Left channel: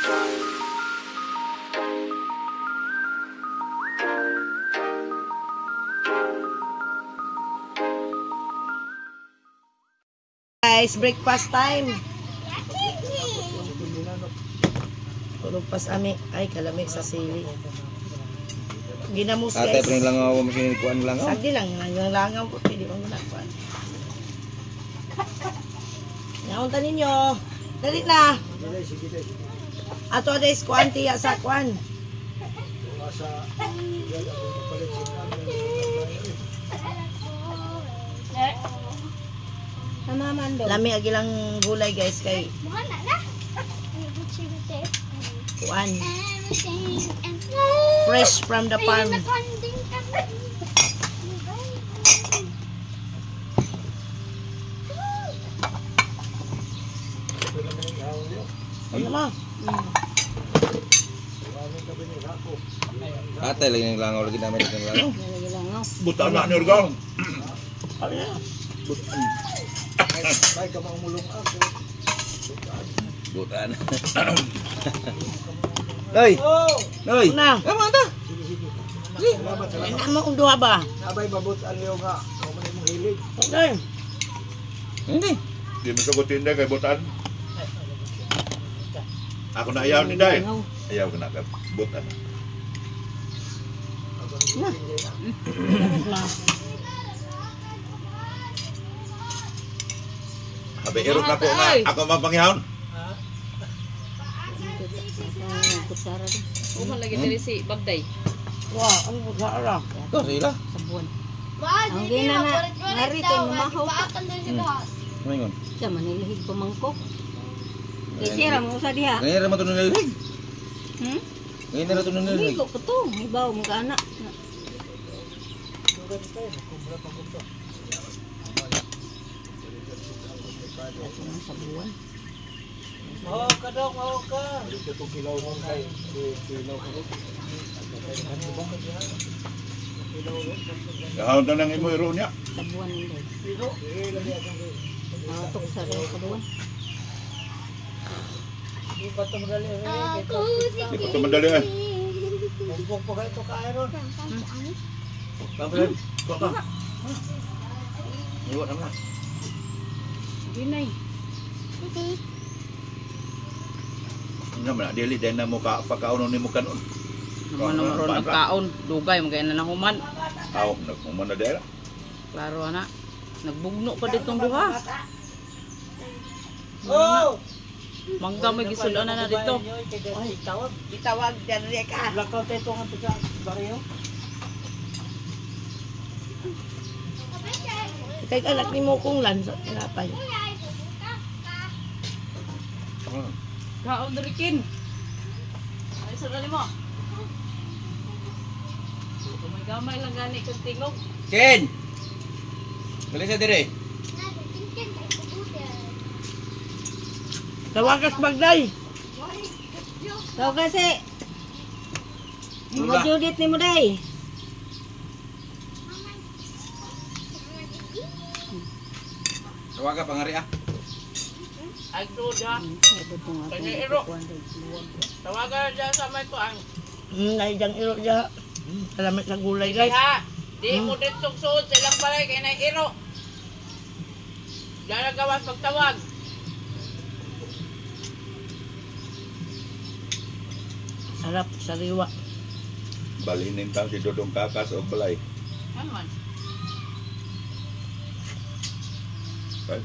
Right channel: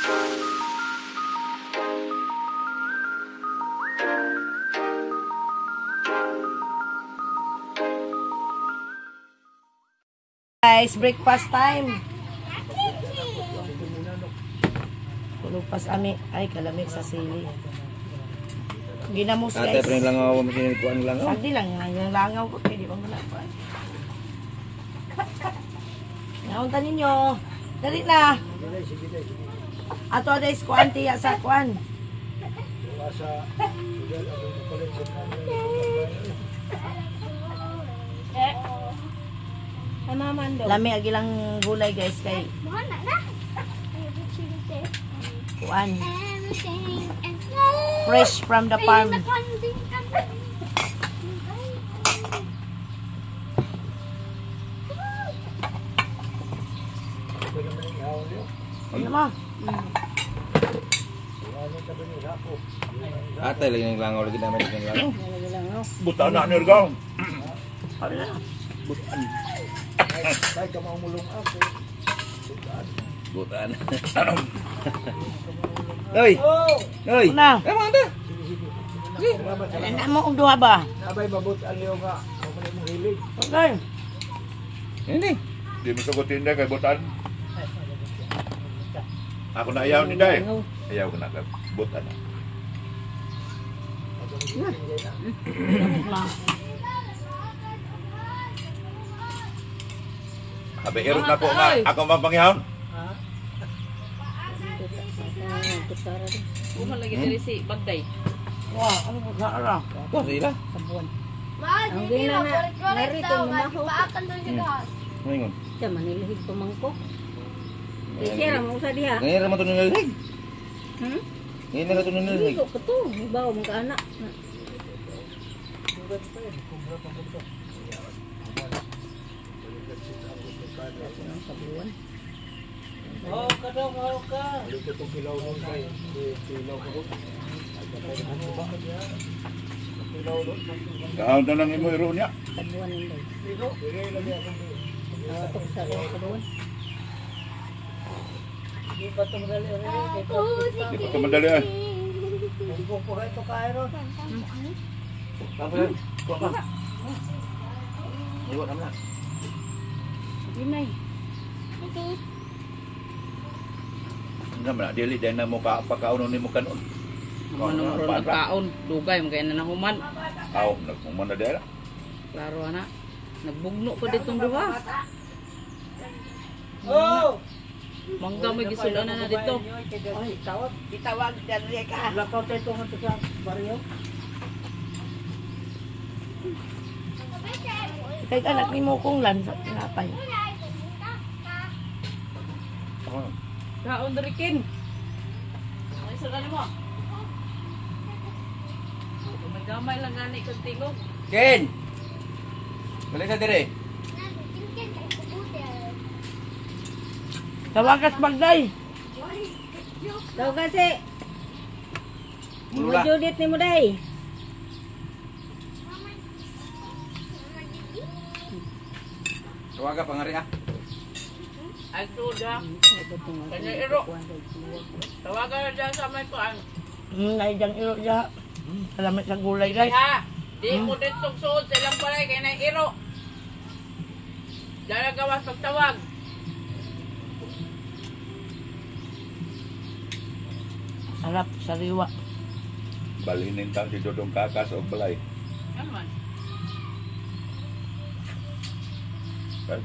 Guys, breakfast time. Tulog pas ami. Ay, kalami sa sili. Ginamos guys. Ate, pero lang ako masinikuan lang ako. Sagdi lang, yung langaw ko. Hindi pa manakuan. Naunta ninyo. Dali na. Ato adais kuan tiya sa kuan. Lami agilang gulay guys kay kuan. Fresh from the farm. Ano mo? Ate, lagi ng langaw. Lagi namin ng langaw. Butaan na, Nurgaw. Ano na? Butaan. Ay, ka maumulong ako. Butaan. Hoy! Hoy! Una. Eh, mga ito! Ano mo kung duha ba? Nabay, mabutaan niyo nga. Kung mali mong hilig. Okay. Hindi. Di mo sagutin na kay butaan. Ako na ayaw ni Day. Ayaw ko na kay butaan. Sabi, irot na po nga. Ako mapangyahon. Uma lagi dari si Bagday. Wow, ano po sa ara? Ito, sila. Hindi na narito lumahaw. Ano yun? Siya manilihig pamangkok. Siya ra mo sa diha. Ngayon naman ito nililig. Ngayon naman ito nililig. Ligo ko to, ibaw mo ka anak. Mahal ka daw, mahal ka. Ayun ka itong kilaw mo kay kilaw ka rin. Kahawad na nang imo iro niya. Sabuan ng day. Tok sa rin sabuan. Di pa ito madali eh. Huwag po ka ito kairon. Kampilan, kuha ka. Iwan naman na. Ginay. Hindi naman na, dili dahil na mo pagkaunon ni mo kanon. Naman ron nagkaon, dugay magay na nahuman. Aw, nagmuman na dahil. Klaro ana. Nagbugno pa ditong duha. Oh! Mangga may gisulan na dito. Itawag dyan ka. Lakaw tayo itong hanto sa baryo. Kahit anak ni mo kong lan sa tinapay. Kaon diri kin. Ay sa mo. Gamay lang gani kag tingog. Ken! Balik sa dire. Tawagas Bagday. Kau kasi. Mo Judith ni mo day. Tawaga pangari ah. Ay tuda. Kanya iro. Tawagan dyan sa may kuan. Naijang iro dyan. Salamat sa gulay guys. Ha, di mo dito suod sa ilang balay kay na iro. Dala gawas pagtawag. Sarap, sariwa. Balinin tang si Dodong Kakas o balay. Ano man? Right?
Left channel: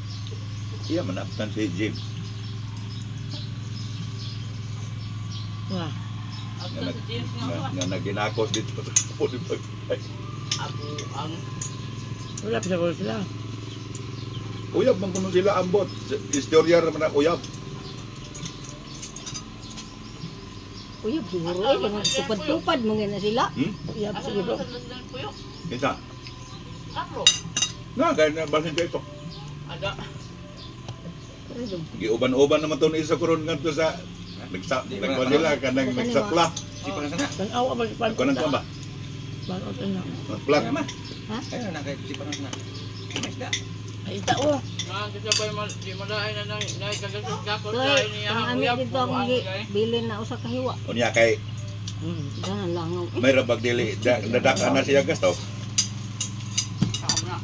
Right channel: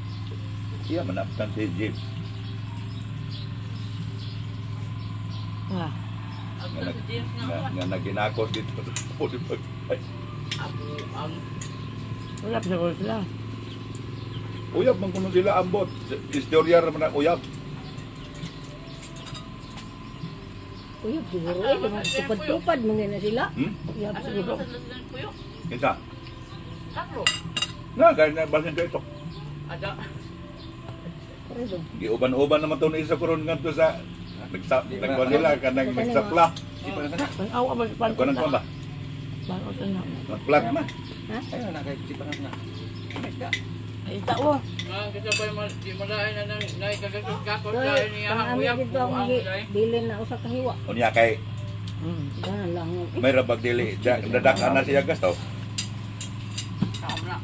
Iya manaptan si Jim. Wah. Agto sa James nga kuan. Nga naginakos dito sa puli pag. Abu ang Wala pa sa sila. Uyab man kuno sila ambot. Istorya ra man ang uyab. Uy, siguro ay tupad-tupad mo na sila. Iya asa siguro. sa lang puyo. Kinsa? Kakro. Na ganyan basin ka ito. Ada. Giuban-uban naman to ni isa kuron ngadto sa nagkuan nila kanang nagsapla. Si pangasana. Tanaw ba sa Kuan ko ba? Bakit na? Magplak man. Ayun na kay si pangasana. Mas da. Ay, tao. Nga, kasi ba di malain na nang kagasot kakot Doy, dahil niya kung ang ami uyab dito po ang ang ulay. bilin na usa ka hiwa. Unya kay Ganun lang. may rabag dili dadaka na siya gasto. Saan na?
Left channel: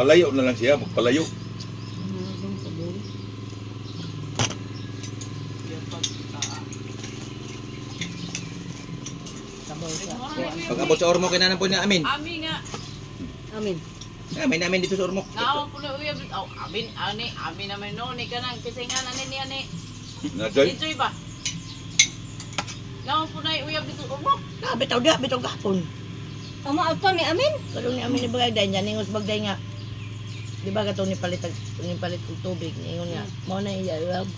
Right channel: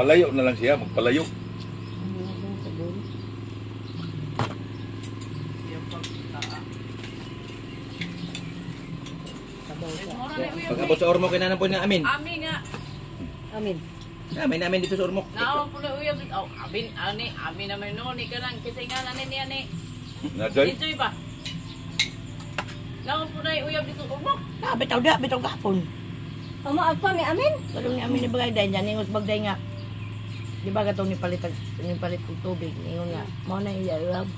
Palayo na lang siya, magpalayo. Doon sa bulo. Yung pagtaa. Sabaw sa. Mura na uyab. Pag abot sa ormo kay nanan po niya amin. Ami nga. Amin. Amin namin dito sa ormo. Naawang po na uyab. Oh, amin naman no. Ni ka nang kasi nga nanin niya ni. Nadjay. Enjoy ba? Naawang po na uyab dito. Umok. Ah, bitaw gapon. Amo auto ni Amin. Kalong ni amin ni bagay dahil niya, ningos bagay nga. Di ba katong ni palit og tubig, ningon nga. Mao na iya rab.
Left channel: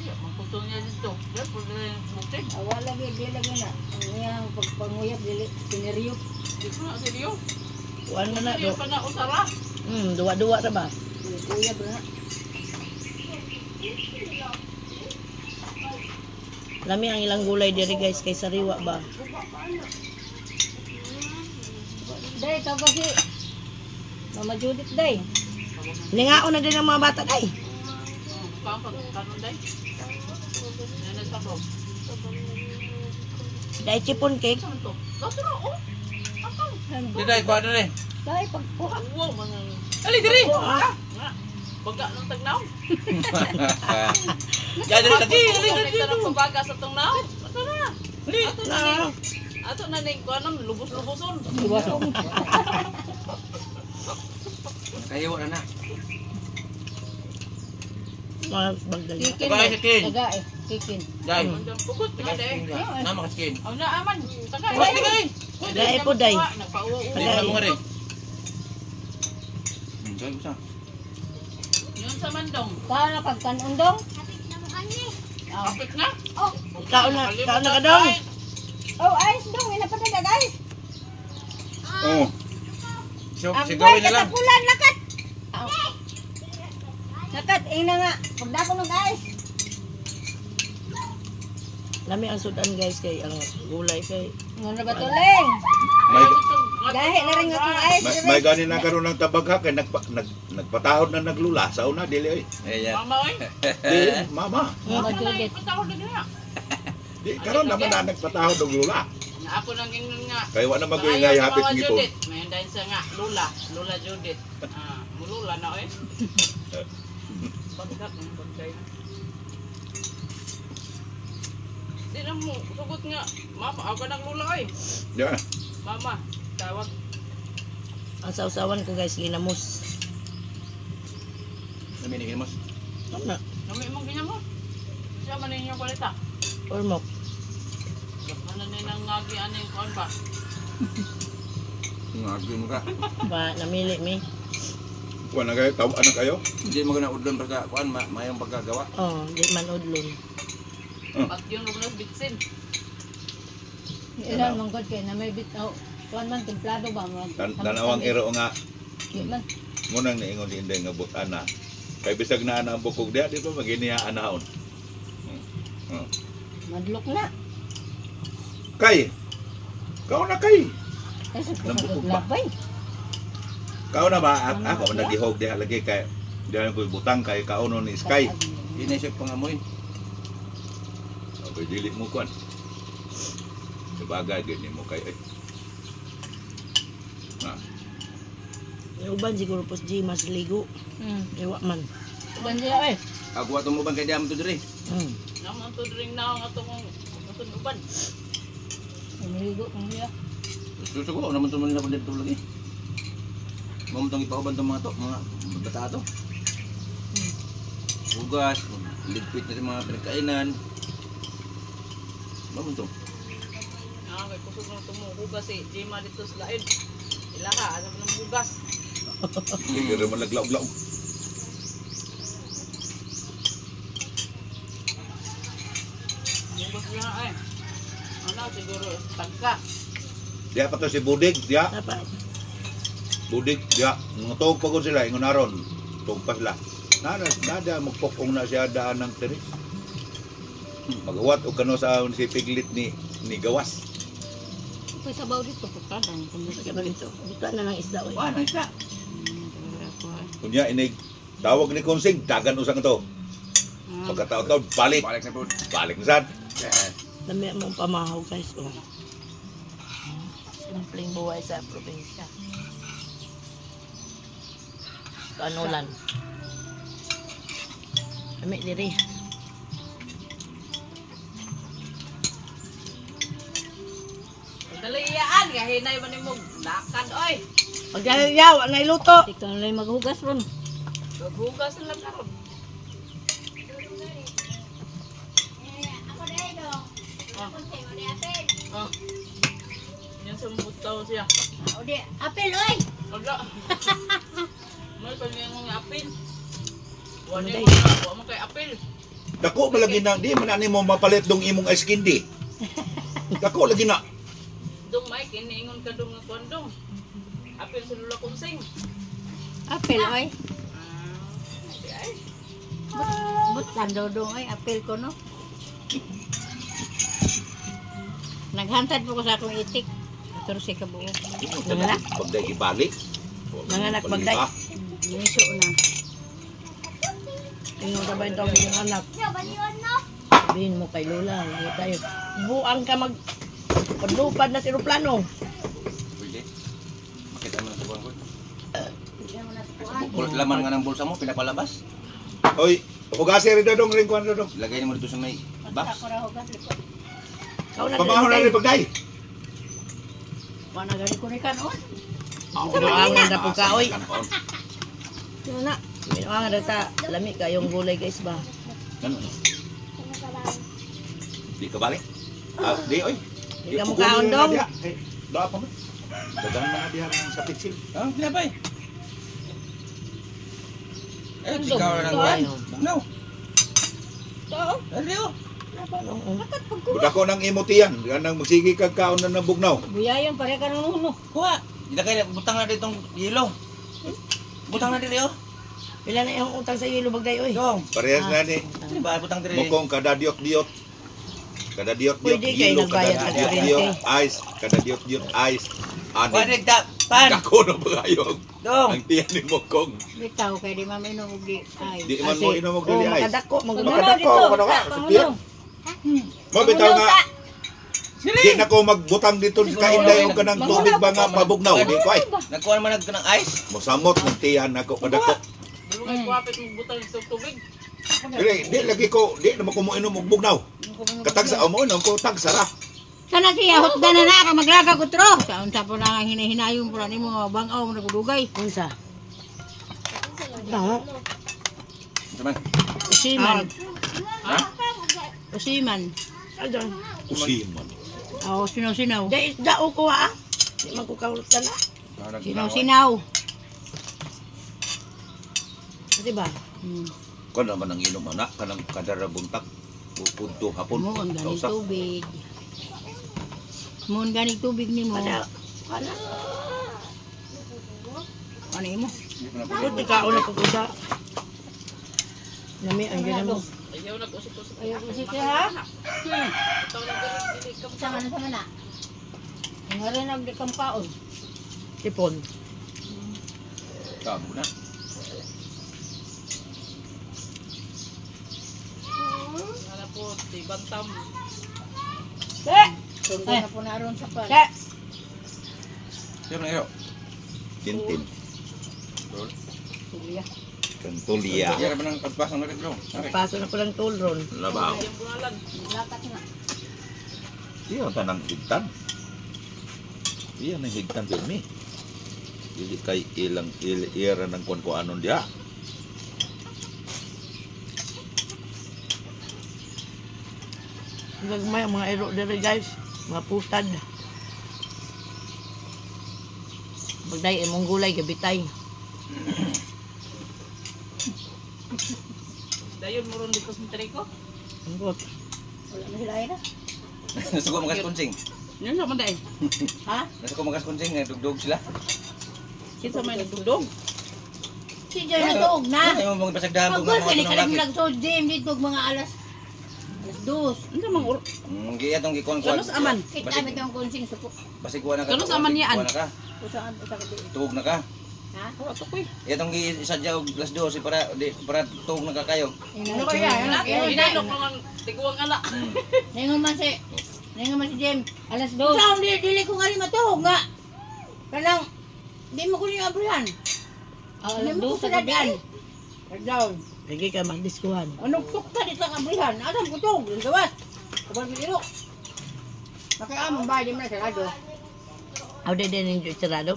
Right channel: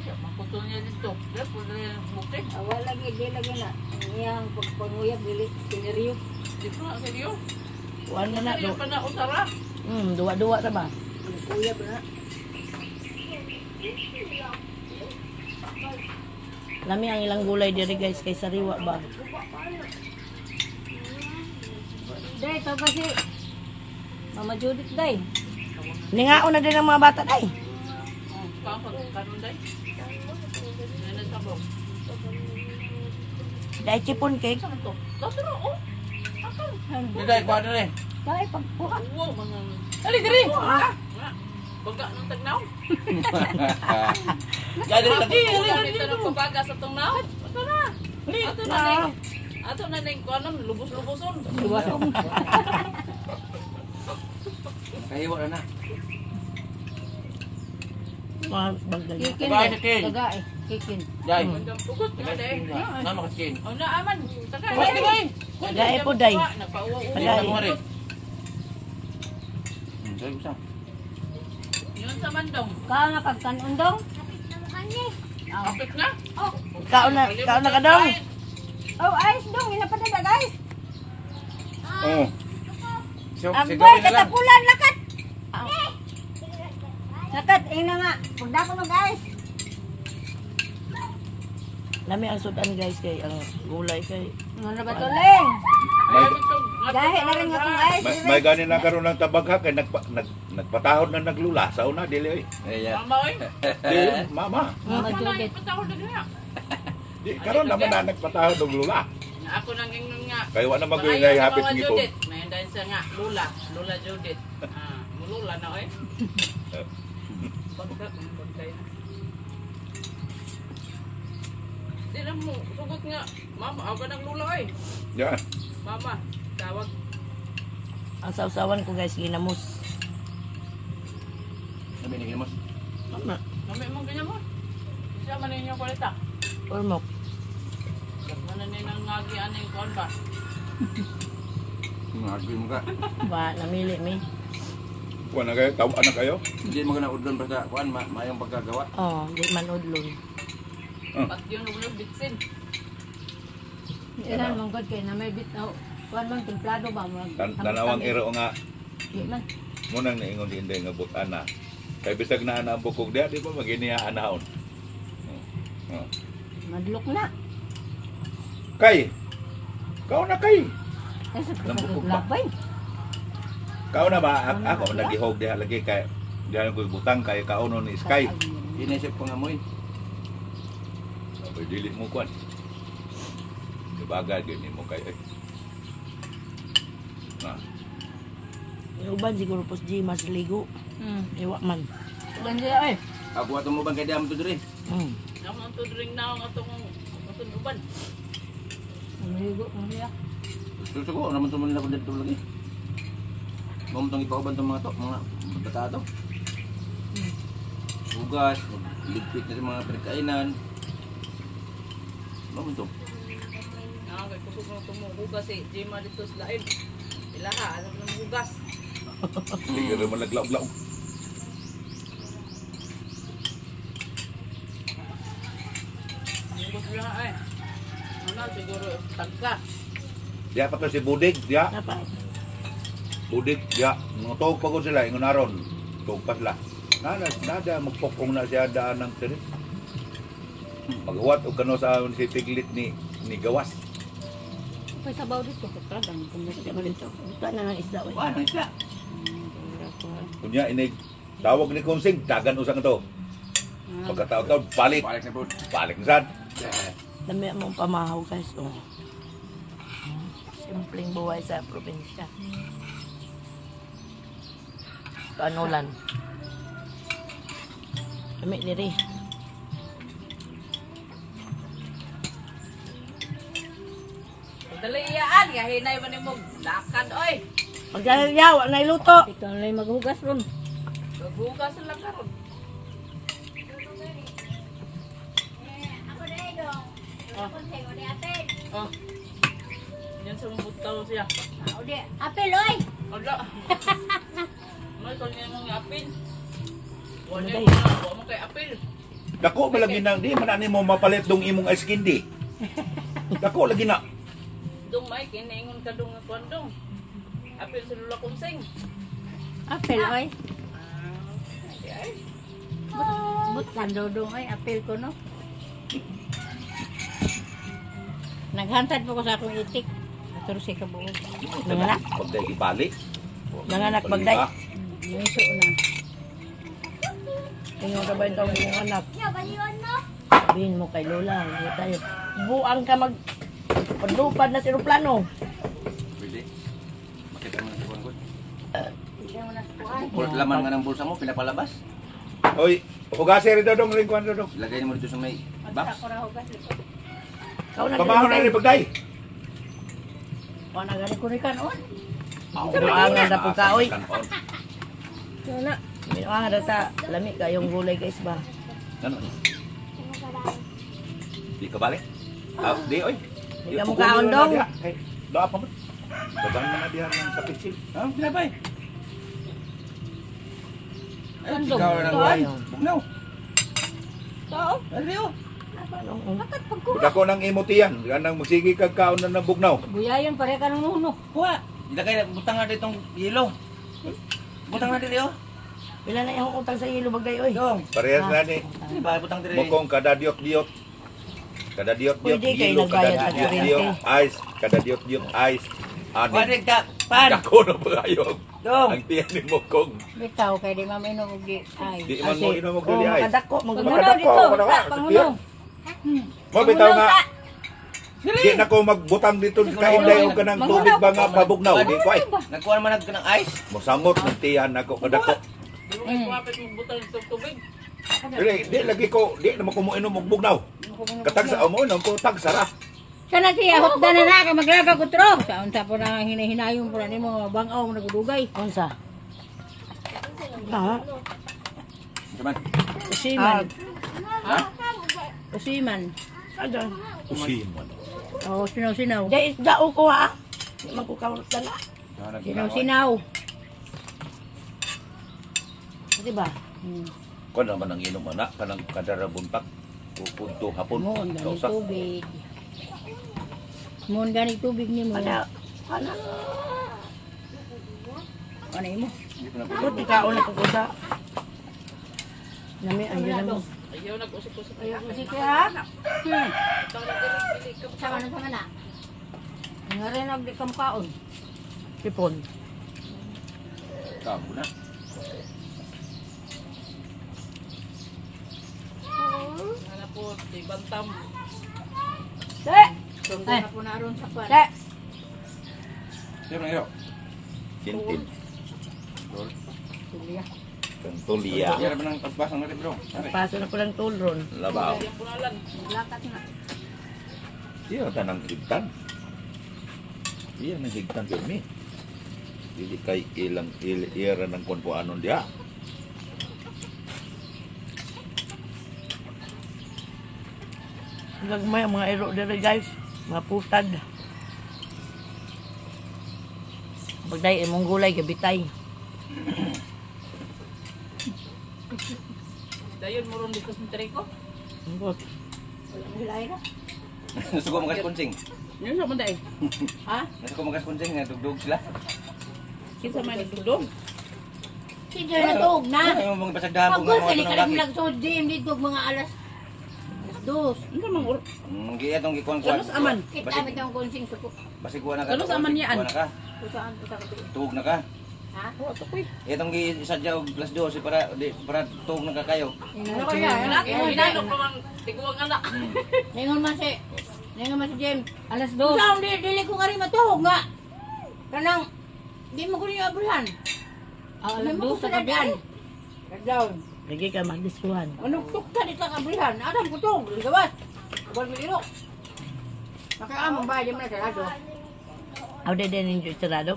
Uyab, magputol niya dito. Dahil po na yung bukti. Wala lagi di lagi na. Iyang pagpanguyab dili siniriyo. Di ko na seryo. Kuan na na Seryo do. pa na usara. Duwa-duwa ra ba? Uyab na. Lami ang ilang gulay diri guys kay sariwa ba. Day, ito pa si Mama Judith, day. Ningaon na din ang mga bata day. Kaang pagkanon day. Ano sa bro? Day chipon cake. Saan to? Tatro, oh. Akaw. Diday, kuha na rin. Day, pagkuha. Wow, mga... Ali diri. Nga. Baga ng tagnaw. Jadi lagi. Ito na pabaga sa tungnaw. Ato na. Ato na na. Ato na na yung kuanam, lubos-luboson. Iwasong. Kayo na na. Mga bagdali. Kikin, Tagay, day. kikin. Tagay, kikin. Day. Mandang pugot na day. Nama kaskin. O na aman. Tagay. Tagay. Tagay po, day. Nagpauwa-uwa. Tagay. Mo rin. Dai sa. Yun sa mandong. Kao na kagkanundong. Kapit na. Ikaw na ka dong. Oh, ayos dong. Inapatada, guys. Oh. So, Ang sigawin boy, na lang. katapulan, lakat. Lakat, ina nga. Pagdako mo, guys. Lami ang sudan guys kay ang gulay kay. Ano ba tuling? May, Gahe na rin nga kung ayos. may ganin na karon ng tabagha kay nagpatahod na naglula sa una dili oy. Mama oy. Di, mama. Mama Mama na Judith. ipatawad na niya. Di karon naman na nagpatahod og lula. Nga ako nang gingon nga. Kay wa na Ayaw magulay ni hapit Mama ngipon. Judith. May dahil sa nga, Lula. Lula Judith. Mulula na oy. Pagkat ng pagkay na. Di na mo, sugot nga. Mama, ako ka ng Lula oy. Ya. Mama, tawag. Ang sausawan ko guys ginamos. Sabi ni Kinamos. Tama. Nami mong ganyan mo. Siya man ninyong kwalita. Ormok. Manan ni nang ngagi aning kuan ba? Ngagi mo ka. Ba namili mi. Kuan na kayo, tawa na kayo. Hindi mo na udlon pagka kuan mayong pagkagawa. Oh, di man udlon. Pat yung lubulos bitsin. Ilan mong god kay na may bit. Oh, kuan man, templado ba? Tanawang iro nga Di man. munang niingon di inday nga butana. Kay bisag na ana ang bukog dia, di ba maginiya anahon. Madlok na. Kay. Kau na kay. Ay, sa Nambukog ba? labay. Kau na ba ako nagihog diha lagi kay diha ko butang kay kauno ni Sky. Inisip pangamoy. Abay dili mo kuan. Sabagay gani mo kay ay. Na. May uban siguro pos G mas ligo. Ewa man. Kuan siya eh. Ako ato mo bang kay diam to diri? Naman to drink na ang atong uban. Umigo kung siya. Susugo naman to nila ko dito lagi. Mo tong ipauban tong mga bata to. Ugas, ligpit na sa mga pinagkainan. Mo to. Kay kusog lang tumuhugas si Jima dito sa lain. Ilaha, ano pa nang hugas? Sige ra man naglaom-laom. Hugas lang ay. Ano siguro tagka. Diha pa to si Budig, diha. Dapat. Budig, diha. Ngutog pa ko sila ingon aron. Tug pa sila. Nada magpokong na siya daan ng tiri. Maghuwat og kano sa si Piglit ni Gawas. pa sabaw dito. Pagkadan. Kaya ba dito? Dito na ng isda. Uy. Wah, nice na. Kunya inig tawag ni Konsing, dagan usang ito. Pagkataon-taon, balik. Balik na po. Balik na saan? Dami mong pamahaw guys. Oh. Simpleng buhay sa probinsya. Kanulan. Kami diri. Dali iyaan, gahinay man mo lakad oy. Magyayaw, ang nailuto. Ikaw na lang maghugas ron. Maghugas lang karon. Ah. Yan sa butaw siya. Apel, oy! Ala. May kanya mong apil. Wala Ano, mo kay apil. Dako malagi na, di man ani mo mapalit dong imong ice candy. Dako lagi na. Dong may kiniingon ka dong nga kondong. Apil sa lula Konsing. Apel, oy! Di ay. But tandodong, oy! Apel ko, no? Naghantad po ko sa akong itik. Pero siya kabuo. Nanganak. Pagday ibalik. Nanganak bagday. Yung iso na. Tingnan ka ba itong iyong anak? Sabihin mo kay Lola, hindi tayo. Buang ka padlupad na si aeroplano. Pwede. Makita mo na sa buwan. Kulot laman nga ng bulsa mo, pinapalabas. Oy, hugasin rin dodong rin kuan dodong. Lagay mo dito sa may box. Kau na Pamahon na rin pagday. Ano gani ko rikan, oh? Buangan na po ka, oy. Kanon. Yun na. Buangan na ta. Lamig ka yung gulay guys ba? Kanon. Di ka balik? Ah, di oy. Di ka mo kaon dong. Doa pa mo. Dagan man na diha sa pitsil. Ah, pinapay. Ay, Kandong. ikaw lang yan. Bugnaw. Oo. Ariyo. Dako nang imutian, ganang magsigi kag kaon na ng bugnaw. Buyayan pare ka ng nuno. Kuha. Ilagay, butang na ditong yelo. Butang na dito. Pila na yung utang sa ilo bagday oy. Dong. Parehas na ni. Di ba, butang dito. Mukong kada diot-diot. Kada diot-diot, Pwede kayo yelo, nagbayad kada sa diot-diot, kuryente. ice, kada diot-diot, ice. Pwede Ani, ka, pan. dako na pagayog. Dong. Ang tiyan ni Mukong. Bitaw kay di maminom og di. Ay. Di man mo inom og Oh, dili ice. makadako, Pangulo magmukadako. dito. Pangulo, Sa pangulo. Mo bitaw nga. Di na ko magbutang dito sa kainday o kanang tubig ba nga pabugnaw. Di ko ay. Nagkuha naman ng ice. Mosamot ng tiyan ako kadako. Di mo kay kuwapit mo butang sa tubig. Di lagi ko, di naman ko mo inom og bugnaw. Katag sa amo inom ko tag sarap. Kana siya hotdan na ka maglaga ko tro. Sa unsa po na nga hinahinayon po ni mga bangaw nagudugay. Unsa? Ah, Saman. Usiman. Usiman. adon. Usiman. Oh, sinaw-sinaw. Dai dao ko ha. Di man ko kaulot na. Sinaw-sinaw. Di ba? Ko naman ang inom anak kanang kadara buntak. Pupunto hapon. Mo ang ganing Kausak. tubig. Mo ang ganing tubig ni mo. Ana, ana. Ano mo? Puti ka una ko kuda. Nami ang yun mo. Ayaw nag-usap-usap. Ayaw ko sige ha. Ikaw na dili ka Sama na sama na. Nga rin ang di kaon. Tipon. Kamu na. Nga po, di bantam. Ke! Sundo na po na ron sa pan. Ke! Sino na iyo? Tintin. Suliya. Kantulia. Kaya ba ng tagpasang na rin bro? Paso na ko lang tulron. Labaw. Yung bunalan. Lakat na. Iya tanang higtan. Iya nang higtan pirmi. Dili kay ilang ira ng kon ko anon dia. Gagmay ang mga ero dere guys. Mga putad. Bagday imong gulay gabitay. Dayon mo ron dito sa Trico. Anggot. Wala mo hilay na. Nasa ko magas kunsing. Yan sa manday. Ha? Nasa ko magas kunsing, nagdugdug sila. Kinsa may nagdugdog. Sige na tuog na. Ay mo mga basagdahan Pag mga gusto ni mga kalag lalaki. nagso gym dito mga alas 2. Ano mang ur? Kaya itong gikuan-kuan. Kanos aman? Kita mit ang konsing suko. Basi kuha na ka. Kanos aman yan? Kuha na ka. Kusaan usa ka. Tuhog na ka. Ha? Itong gisadya og plus 2 para tuhog na ka kayo. Ano kaya? Hinanok naman tiguang anak. Ningon man si Jem. Alas 2. Saan dili ko nga rin matuhog nga. Kanang di mo ko niya abrihan. Alas 2 sa gabihan. Kadaw. Lagi ka magdiskuhan. Anong tukta dito ang abrihan? Adam ko tuhog. Gawas. Kabal mo ilo. Nakaamang ba Jem na sarado. Aw de din yung sarado.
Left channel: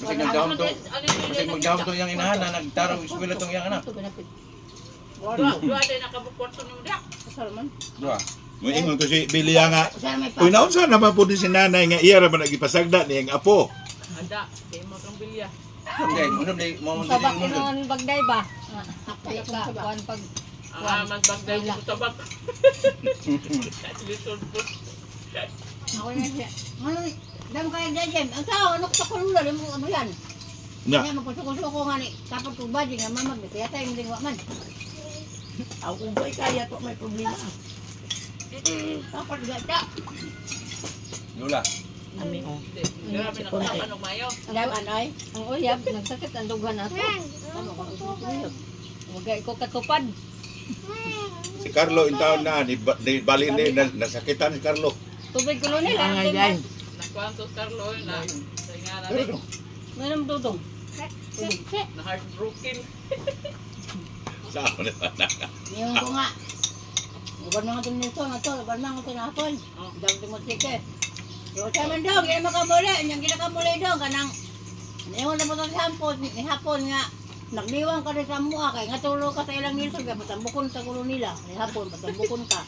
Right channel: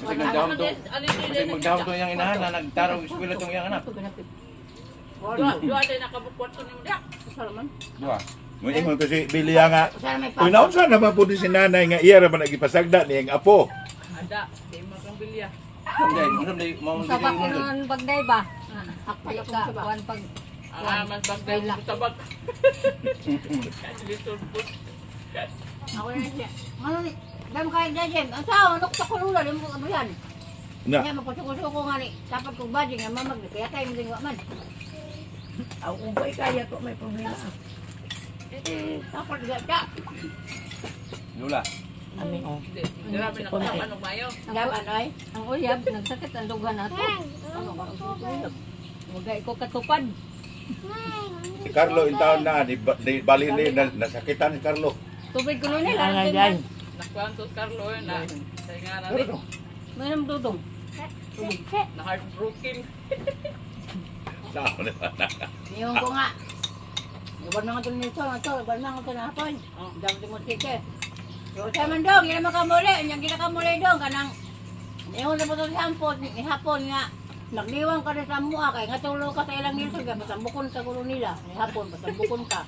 Kasi magdahon to yung inahan na nagtarong eskwela tong yung anak. Dua din nakabukwarto ni Muda. Salaman. Dua. Mo ingon to si Bilya nga. Sana may Uy, naunsa naman po ni si nanay nga iya ra man nagipasagda ni ang apo. Ada, di makang bilya. Okay, munam day mo sabak mo. mo ng bagday ba? Hakay ka. Kuan pag Mas bagay mo tabak. Little put. ako na siya. Ano ni? Dam ka Jem. Ang tao ano ko sa kulula damo abrihan. Nya. Kaya magpasuko-suko nga ni. Dapat kong badge nga mamag. Kaya tayo mo din man. Aw ugay kaya to may problema. Dapat gata. Lula. Ami oh. Grabe na kapan og mayo. Dam anoy. Ang uyab nagsakit ang dugan nato. Ano ba ang uyab? Wagay ko katupad. Si Carlo in taon na ni bali ni nasakitan si Carlo. Tubig kulo nila. Ang ngayon. Nakwanto Carlo na. Sa nga na Pero Mayroong dudong. na heartbroken. sa ako na. Niyon ko nga. Ibar na nga ito nito. Ibar na nga ito na hapon. Dami ito mo tike. Yung sa man daw, gina makamuli. Yung ginakamuli daw, kanang niyon na po ito hapon nga. Nagniwang ka rin sa mua kay nga tulo ka sa ilang nito. Patambukon sa kulo nila. Hapon, patambukon ka.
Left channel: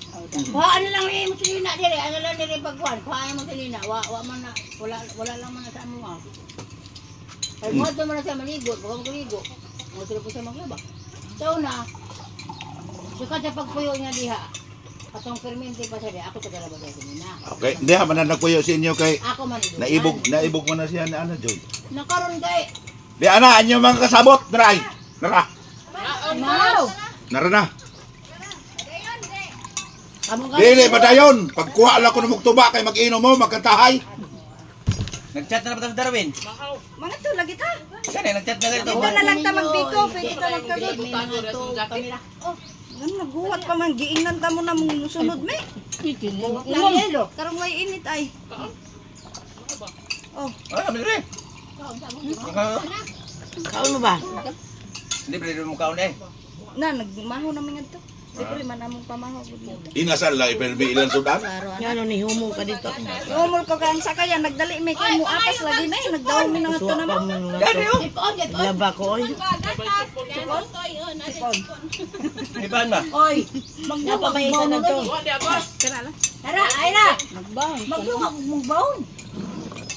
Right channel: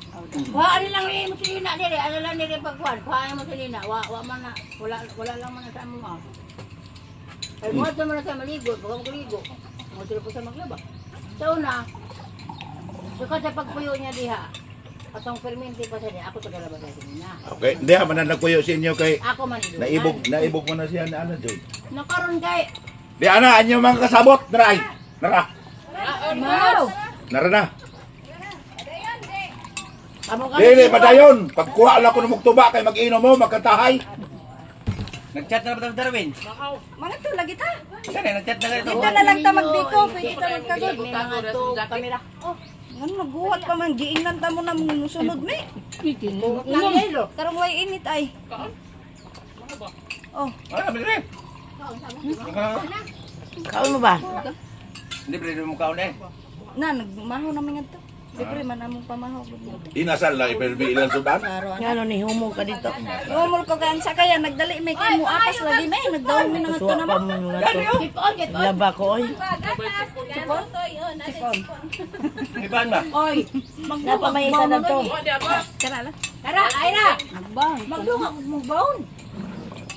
Ano lang rin mo silina dire. Ano lang nire pagkuhan. Paano mo silina. Wa man na. Wala lang man na sa mua. Ay mo ito man na siya maligo. Baka magaligo. Mo tuloy po siya maglaba. So na. Suka sa pagpuyo niya diha. Atong permente pa siya diha. Ako tagalaba sa kanina. Okay, hindi man na nagkuyo sa inyo kay Ako man ito. naibog mo na siya na ano Jud. Nakaroon kay. Di ana anyo mga kasabot, dray. Nara. Mau. Nara na. Amo ka. Dili padayon. Pagkuha lang ko ng mugtuba kay mag-inom mo, magkantahay. Nagchat na ba ta Darwin? Makaw. Mana to lagi ta? Kani nagchat na ito. Ito na lang ta magbiko. Pwede ta magkagod. Tago ra sa jacket. Kamera. Oh. Ano naghuwat pa man giingan ta mo na mong sunod me. Lang yelo. Karon way init ay. Kaan? Mga ba? Oh, Ano mi dire? Kaon mo ba? Hindi pwede mo kaon eh. na nagmaho na mga to. Libre man among pamaho. Inasal la ipelbi ilang sudan. Ngano ni humong ka dito. Umol ko kan sa kaya nagdali may kay mo apas lagi may nagdaw mi na to Suwa pa naman. mo na to. Laba ko oy. Iban ba? Oy. Napa may isa na to. Wa di abas. Tara, ay na. Nagbang. Maglungag mong baon.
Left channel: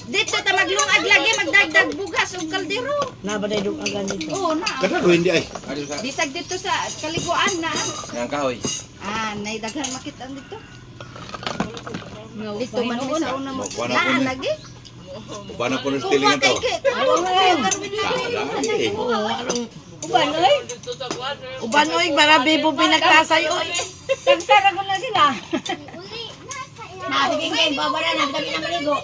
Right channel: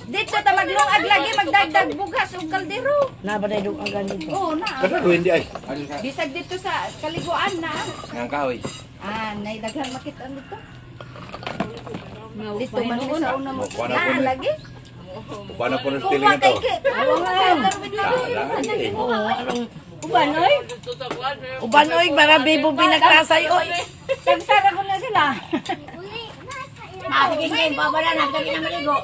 Dito ta maglungag lagi magdagdag bugas ug kaldero. Nabaday dug ang ganito. Oh na. Kada hindi ay. Ano ka? Bisag dito sa kaliguan na. Nang kahoy. Ah, nay daghan makitaan dito. Dito Pahinuon. man ni sa una mo. Kuha na po Na ni. lagi. Kuha na po ng Kuha stilingan kay to. kit. Ano nga karwid lagi. Oo, anong Uban oy. Dito sa kwan. uban oy para bibo pinagkasay oy. Tagsara ko na sila. Nakikingin pa wala na tabi na maligo.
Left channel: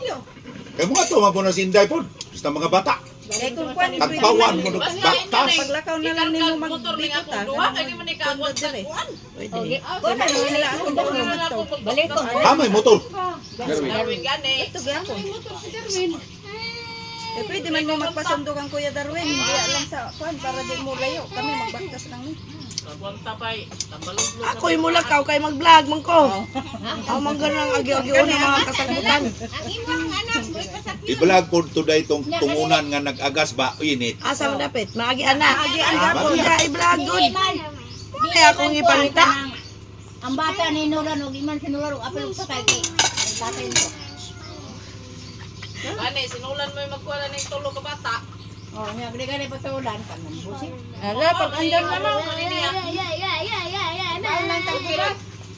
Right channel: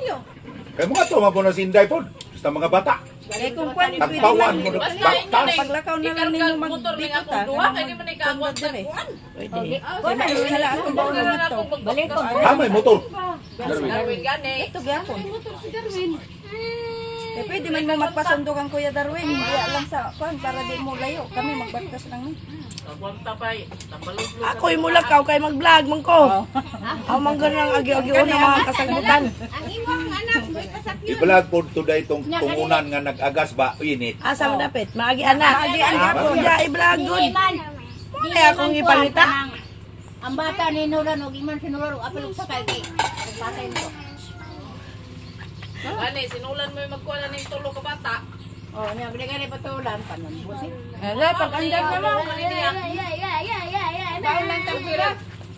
Kay mga to mapuno sinday po. Basta mga bata. Kay kung kwan Tagpawan mo ng Basta baktas. paglakaw na lang ikarga ninyo motor ning akong duwa kay di man ikagwat sa kwan. Okay. Kuan na wala akong Dito na lang ako Balik ko. Ah, may motor. Darwin gani. Ito gyapon. Eh, pwede man mo magpasundok ang Kuya Darwin. Hindi lang sa kwan para di mo layo. Kami magbagkas lang ni. Kagwanta pay. Tambalog-log. Ako'y mulakaw kay mag-vlog man ko. Aw man ganang agi-agi ng mga kasagutan. I-vlog po today tong tungunan nga nag-agas ba init. Asa mo dapit? Maagi ana. Ako ja i-vlog gud. Kaya akong ipangita. Ang bata ni Nulan og iman sinulan og apel sa kay. Bata nito. Gani sinulan mo yung magkuha ning tulo ka bata. Oh, nya gani gani patulan kanan busi. Aga pag andang na lang kanina.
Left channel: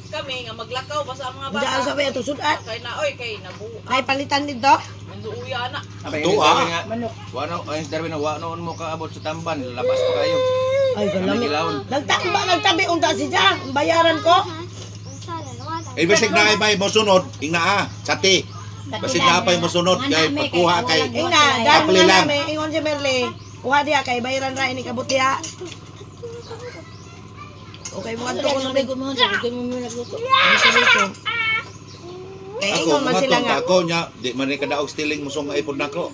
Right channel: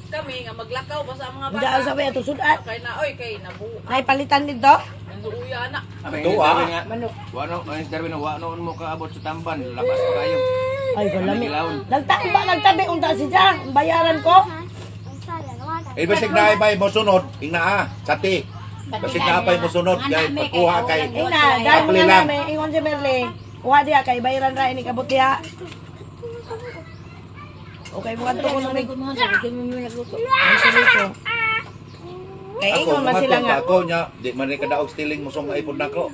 Kami nga maglakaw ba sa mga bata. Diyan sa way ato sudan. Kay na oy kay nabu. Ay palitan dito. Nanduuya na. Ito Ito, ah. ah. Wano, ay Darwin wano mo kaabot sa tamban, labas pa kayo. Ay galami. Nagtabi unta si Jang. Bayaran ko. Eh basig na ay mo sunod, ingna sati. Basig na pay mo sunod kay pagkuha kay Ina, dahil Apli mo lang. namin, ingon si Merle. Kuha diya kay bayaran ra ini kabut diha. Okay, mga to ko Sabi ko mo, sabi ko mo nagluto. Kay ako ingon man sila nga. ako nya di man ni kadaog stealing musong ay pud nako.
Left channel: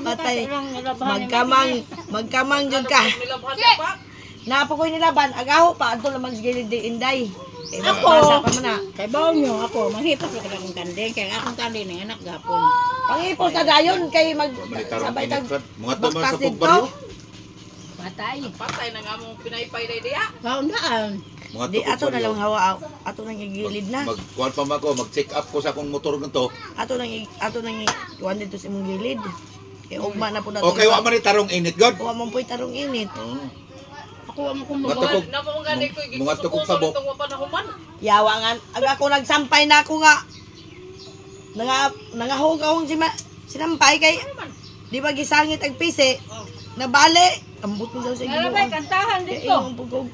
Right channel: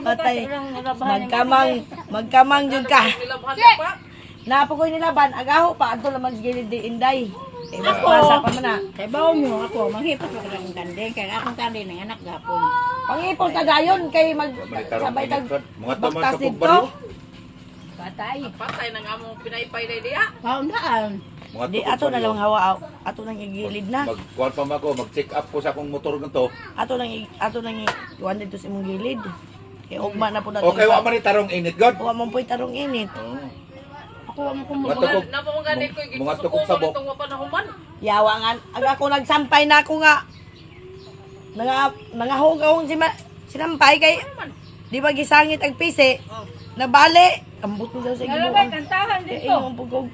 Patay. Magkamang jud ka. Nilabhan ka pa. Napo ko nilaban, agaho pa adto naman sa gilid di inday. Kay Ako. basa pa man na. Kay baon nyo ako, manghipos na akong kandeng. Kaya akong kandeng ng anak gapon. Pangipos na dayon kay mag Manitarong sabay tag init, mga to baktas mga dito. kapugbaryo. Patay. Patay na nga mong pinaypay na diya. Kaundaan. Mga Di ato na lang hawa ato nang igilid na. Magkuhan pa ako, mag-check up ko sa akong motor nito. Ato nang iwan dito sa imong gilid. Kay ugma na po nato. Okay, wa man ni tarong init god. Wa man po'y tarong init. Ako ang Mga tukog. Napamagani ko Mga tukog gisusukuso tabok. nitong mapanahuman. Yawa nga aga ko nagsampay na ako nga. Nangahog sinampay kay di ba gisangit ang pisi. Nabali. Ambot mo daw sa Ay, gibuan. kantahan Kay dito. imong pugog.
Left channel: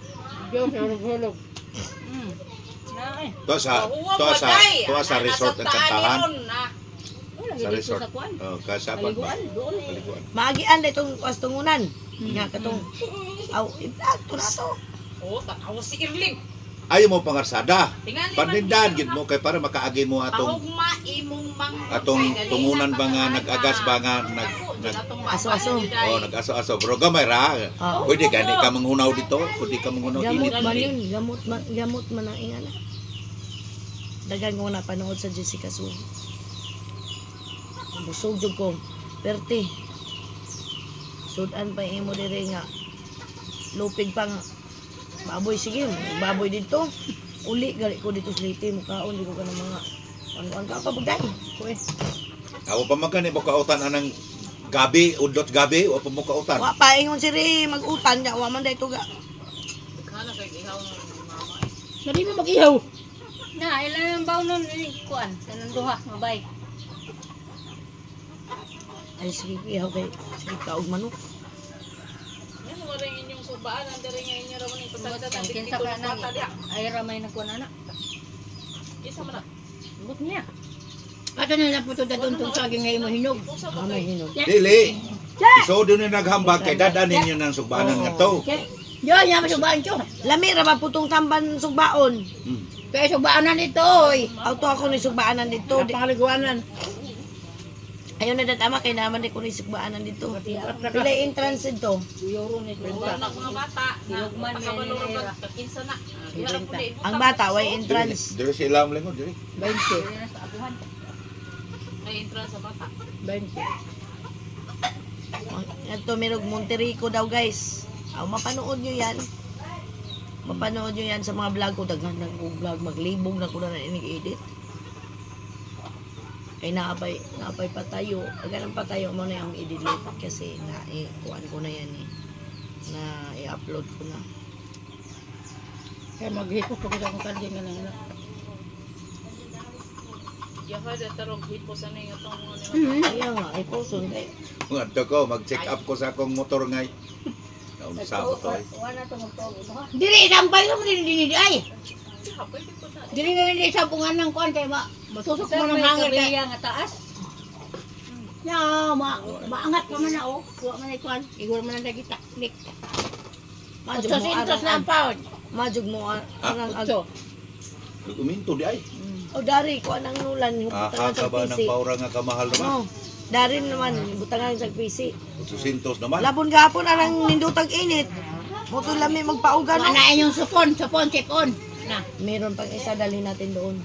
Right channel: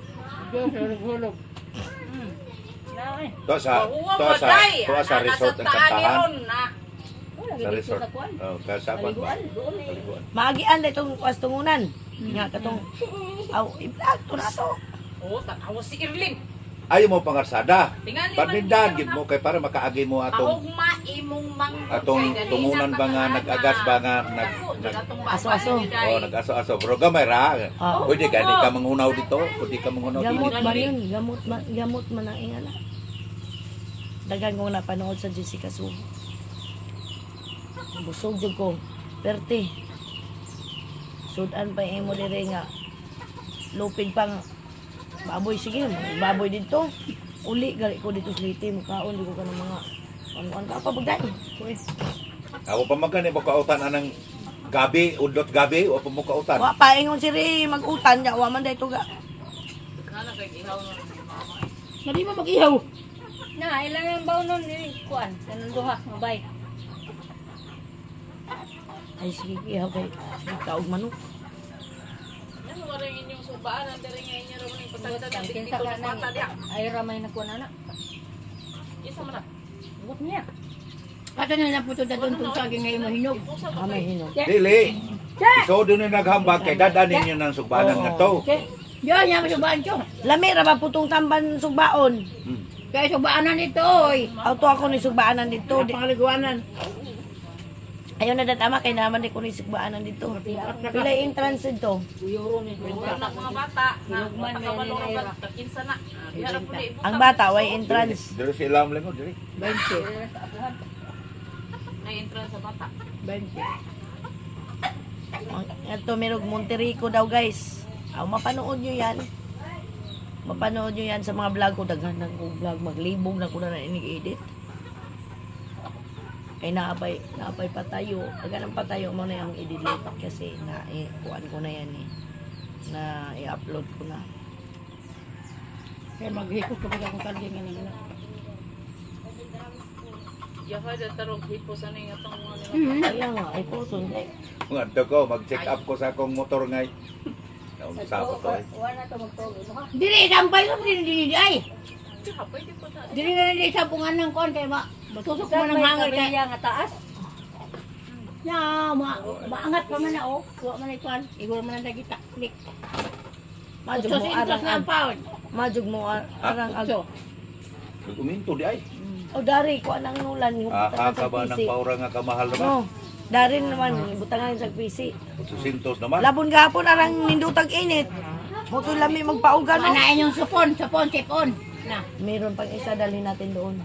Diyos, hulog-hulog. To sa resort ang kantahan. Sa resort. Oh, kasapan pa. Paliguan. Maagian na itong kastungunan. Nga katong aw iplak to na to. Oo, tanawa si Irlin. Ayaw mo pangarsada. Tingali man Panindan kita gid mo kay para makaagi mo atong Ahugma imong mang atong tungunan ba nga nag-agas ba nga nag Aso-aso. oh nag-aso-aso bro gamay ra. Oo. Pwede gani ka manghunaw dito, pwede ka manghunaw Gamot dito. man yun. Gamot man ang ingana. Dagan ko na panood sa Jessica Su. Busog jud ko. Perti. Sudan pa imo dire nga. Lupig pa nga. Baboy sige, baboy dito. Uli gali ko dito sa liti mukaon di ko kanang mga ano ka pa bagay. Ko eh. Ako pa magani mo kautan anang gabi, udlot gabi, o pa mo kautan. Wa pa ingon si Ri mag-utan nya wa man dayto ga. Kana kay ihaw na ni mama. Dali mo mag-ihaw. Na, ilan ang baon nun kuan, kanang duha, mabay. Ay sige ihaw kay sige kaog manok. Yan mo rin inyong subaan ang diri nga inyo ra man yung pasagda ng Kinsa dito ka na na pata diya. ay ramay na kuan ana. Isa man na. Buot niya. Ato na lang puto da tuntun sa aking ngayon mo hinog. Usa Ah, may hinog. Dili. So doon na naghambag kay dadanin niyo ng subanan nga to. Yo, nya masubaan ko. Lami ra ba putong tamban sugbaon. Kaya subaanan ito, oy. Auto ako ni sugbaanan dito. Pangaliguanan. Ayaw na datama kay naman di ko ni sugbaanan dito. Pila entrance dito. Wala na mga bata na pagkabalo ra ba kinsa na. Diha ra pud ibutan. Ang bata way entrance. Dili si ilam lang dili. 20. May entrance sa bata. 20. Ito merong Monterico daw guys. Mapanood nyo yan. Mapanood nyo yan sa mga vlog ko. Daghan ng kong vlog. Maglibog na ko na inig-edit. Kaya naapay patayo. Daghan ng patayo mo na yung edit kasi kuhan ko na yan eh. Na i-upload ko na. Kaya maghipos ko sa akong kanding na ano. Yaha da tarog hipos ano yung atong mga nila. Kaya nga, ay puso. Ngadto ko mag-check up ko sa akong motor ngay. Naun sa to ay. Wala to magtogo mo ha. Dili sampay mo din ay. Diha pwede po na. Dili na nila sampungan ng kuan kay matusok mo ng hangar kay nga taas. Ya, maangat pa man na oh. Kuha man ay kuan. Igor man ang dagita. Lik. Majug mo Sintos na ang pound. Majug mo arang So, Uminto di ay. O dari, kuha ng nulan. Butangan sa Kakaba ng PC. paura nga kamahal naman. No. Dari naman, butangan sa PC. 800 naman. Labon gapon arang nindutag init. Moto lami magpaugan. No? manain yung supon, check on. Na, Meron pang isa dalhin natin doon.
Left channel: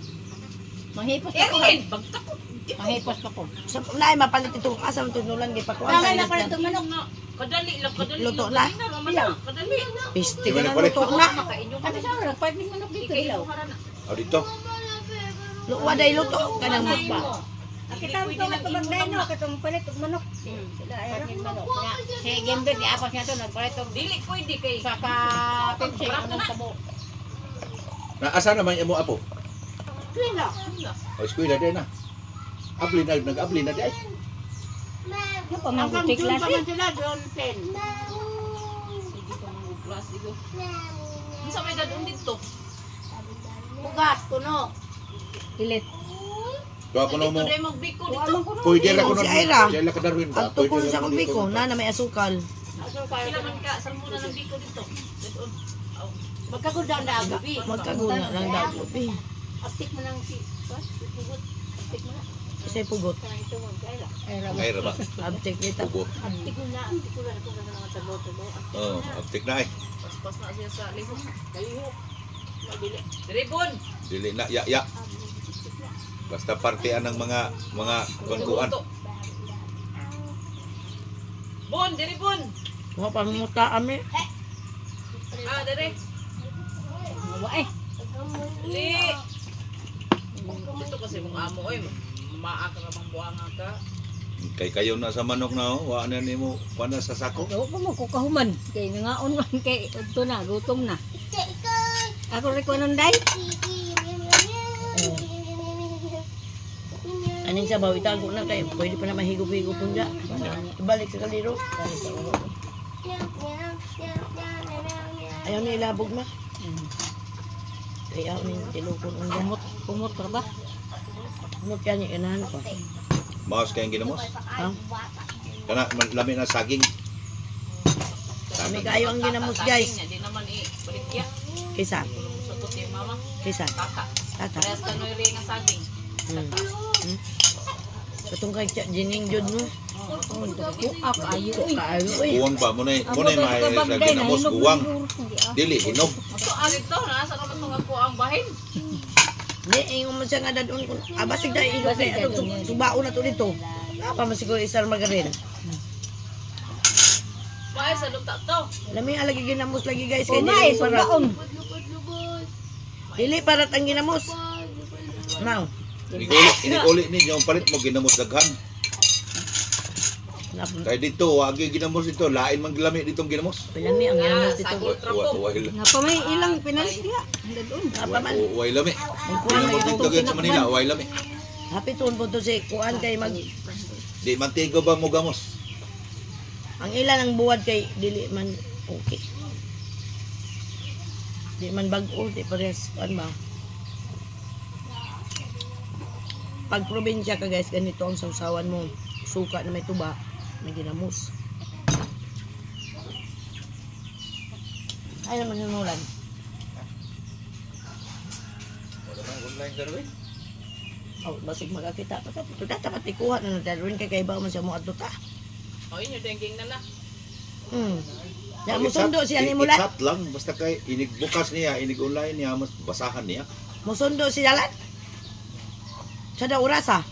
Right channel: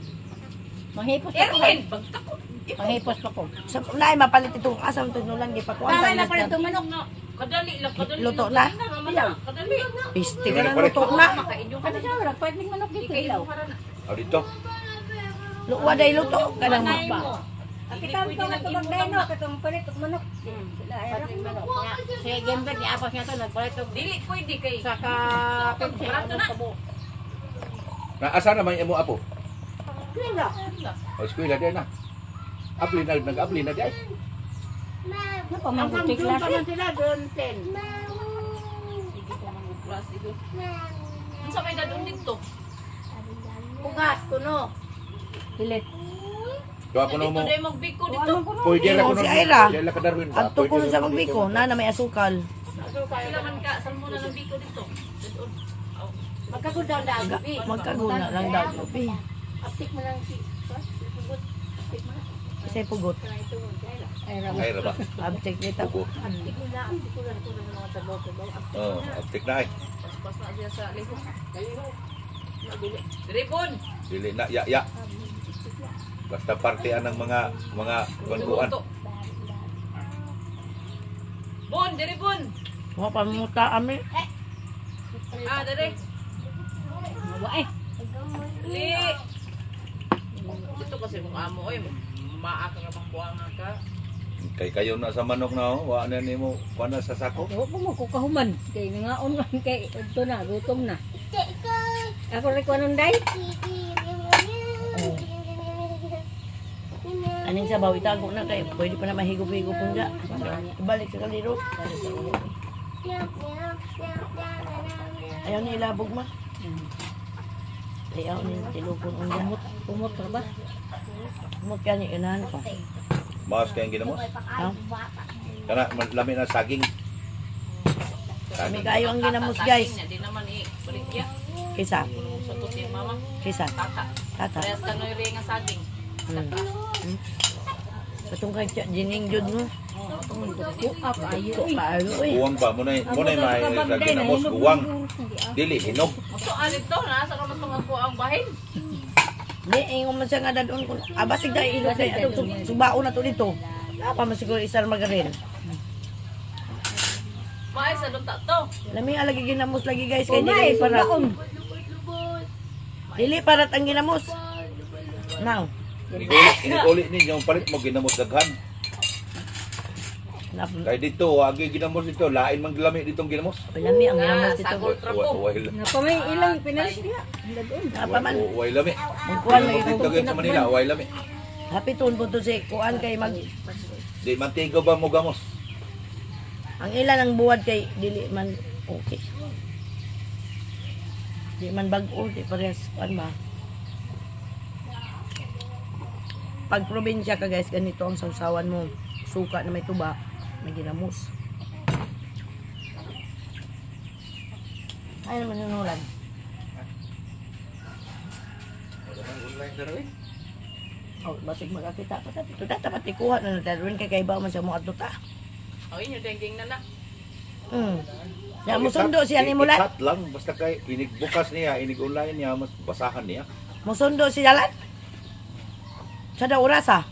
manghipos pa ko. Erlin, bagtak ko. Manghipos pa ko. Sa naay mapalit itong asam to nulan kay pakuan Tama sa na pala init. itong manok. Kadali lang, kadali Luto lang. na? Kadali. Piste ka na luto na. Makainyo ka Ano na. siya, nagpartning manok dito ilaw. O dito. Luwa day luto kanang Manay mukba. mo. Kita ko magdano katong palit og manok. Sila ay partning manok. Si Gembert ni apas niya to nagpalit og Dili pwede kay. saka Pepsi ang kabo. Asa naman imo apo? Kila. O eskwela din na. Abli na nag-abli na di ay. Ano pa man butik klase? Sila doon 10. Sige pa mga class ito. Unsa may dadong dito? Bugas, kuno. Pilit. Kaya ako na mo. Ito na yung magbiko dito. Pwede ra Ingon ko si nun. Ira. Si Ira ka Darwin ba? Ang tukong Pwede sa ra ko magbiko, dito. na may asukal. Kila man ka, saan mo na ng biko dito? Dito. Aw. Magkakundang daan, gabi. Magkaguna lang daw, Lupi. Aptik mo lang si... Pugot. Aptik mo lang. Isa'y pugot. Kana ito mo, Kayla. Ay, ra ba? Abject dito. Ugo. Aptik mo na. Aptik mo lang. Ito na mga tabaw-tabaw. Oh, aptik na ay. Paspas na siya sa lihok. Dalihok. Mabili. Diribon! Dili na ya. Basta partian ng mga kwantuan. Bon, diribon! Mga pamuta kami. Ah, dire. Mawa eh. Li! Ito kasi mong amo, oy. Maaka na bang buhanga ka. Kay kayo na sa manok na oh. Wa na nimo kuan sa sako. Dawa pa mo kukahuman. Kay nangaon man kay ito na, gutom na. Ako rin ko anong day. Aning sabaw, itago na kayo. Pwede pa na mahigop-higop po dyan. Ibalik sa kaliro. Ayaw ni ilabog ma. Ayaw ni tilupon unda. Kumot pa ba? Kumot yan yung inahan ko. Maos kayong ginamos. Ha? Kana lami na saging. Kami kayo ang ginamos guys. Hindi naman balikya. Kisa. Kung sa tuti yung mama, Kisa. tata. Tata. Parehas ka no yung nga saging. Katong kay Jining Jud mo. Kuap ayo. Kaayo eh. Uwang ba mo na may sa ginamos uwang. Dili hinog. So, alit to, nasa naman itong ako ang bahin. Di, ingon mo siya nga dadon ko. Basig dahil ino kay atong subao na to dito. Apa man siguro isar magaril. Maay sa lunta to. Lami alagi ginamos lagi guys kay Umay, dili para. sugaon. Dili para ang ginamos. Now, Iniguli ninyo ang palit mo ginamos daghan. napon. Kay dito wagi ginamos dito lain man lami ditong ginamos. Lami ang ginamos Sa dito. ultra po. Napamay ilang pinalis niya. Dadun. Apa man. Way lami. Magkuhan Ginamos man dito dito gyud sa Manila, way lami. Hapitun po to si kuan kay mag Di mantigo ba mo gamos? ang ilan ang buwad kay dili man okay. Di man bag-o, di parehas kuan ba. Pag probinsya ka guys, ganito ang sausawan mo. Suka na may tuba, may ginamos. Ay naman yung ulan. Online Darwin. Oh, basig magkakita pa ta. Ito dapat ikuha na Darwin kay kaibaw man siya mo adto ta. O, inyo dengking na na. Ya mo sundo siya ni Mulan. Chat lang basta kay inig bukas niya, inig online niya, mas basahan niya. Mo sundo siya lan. Sa daw orasa.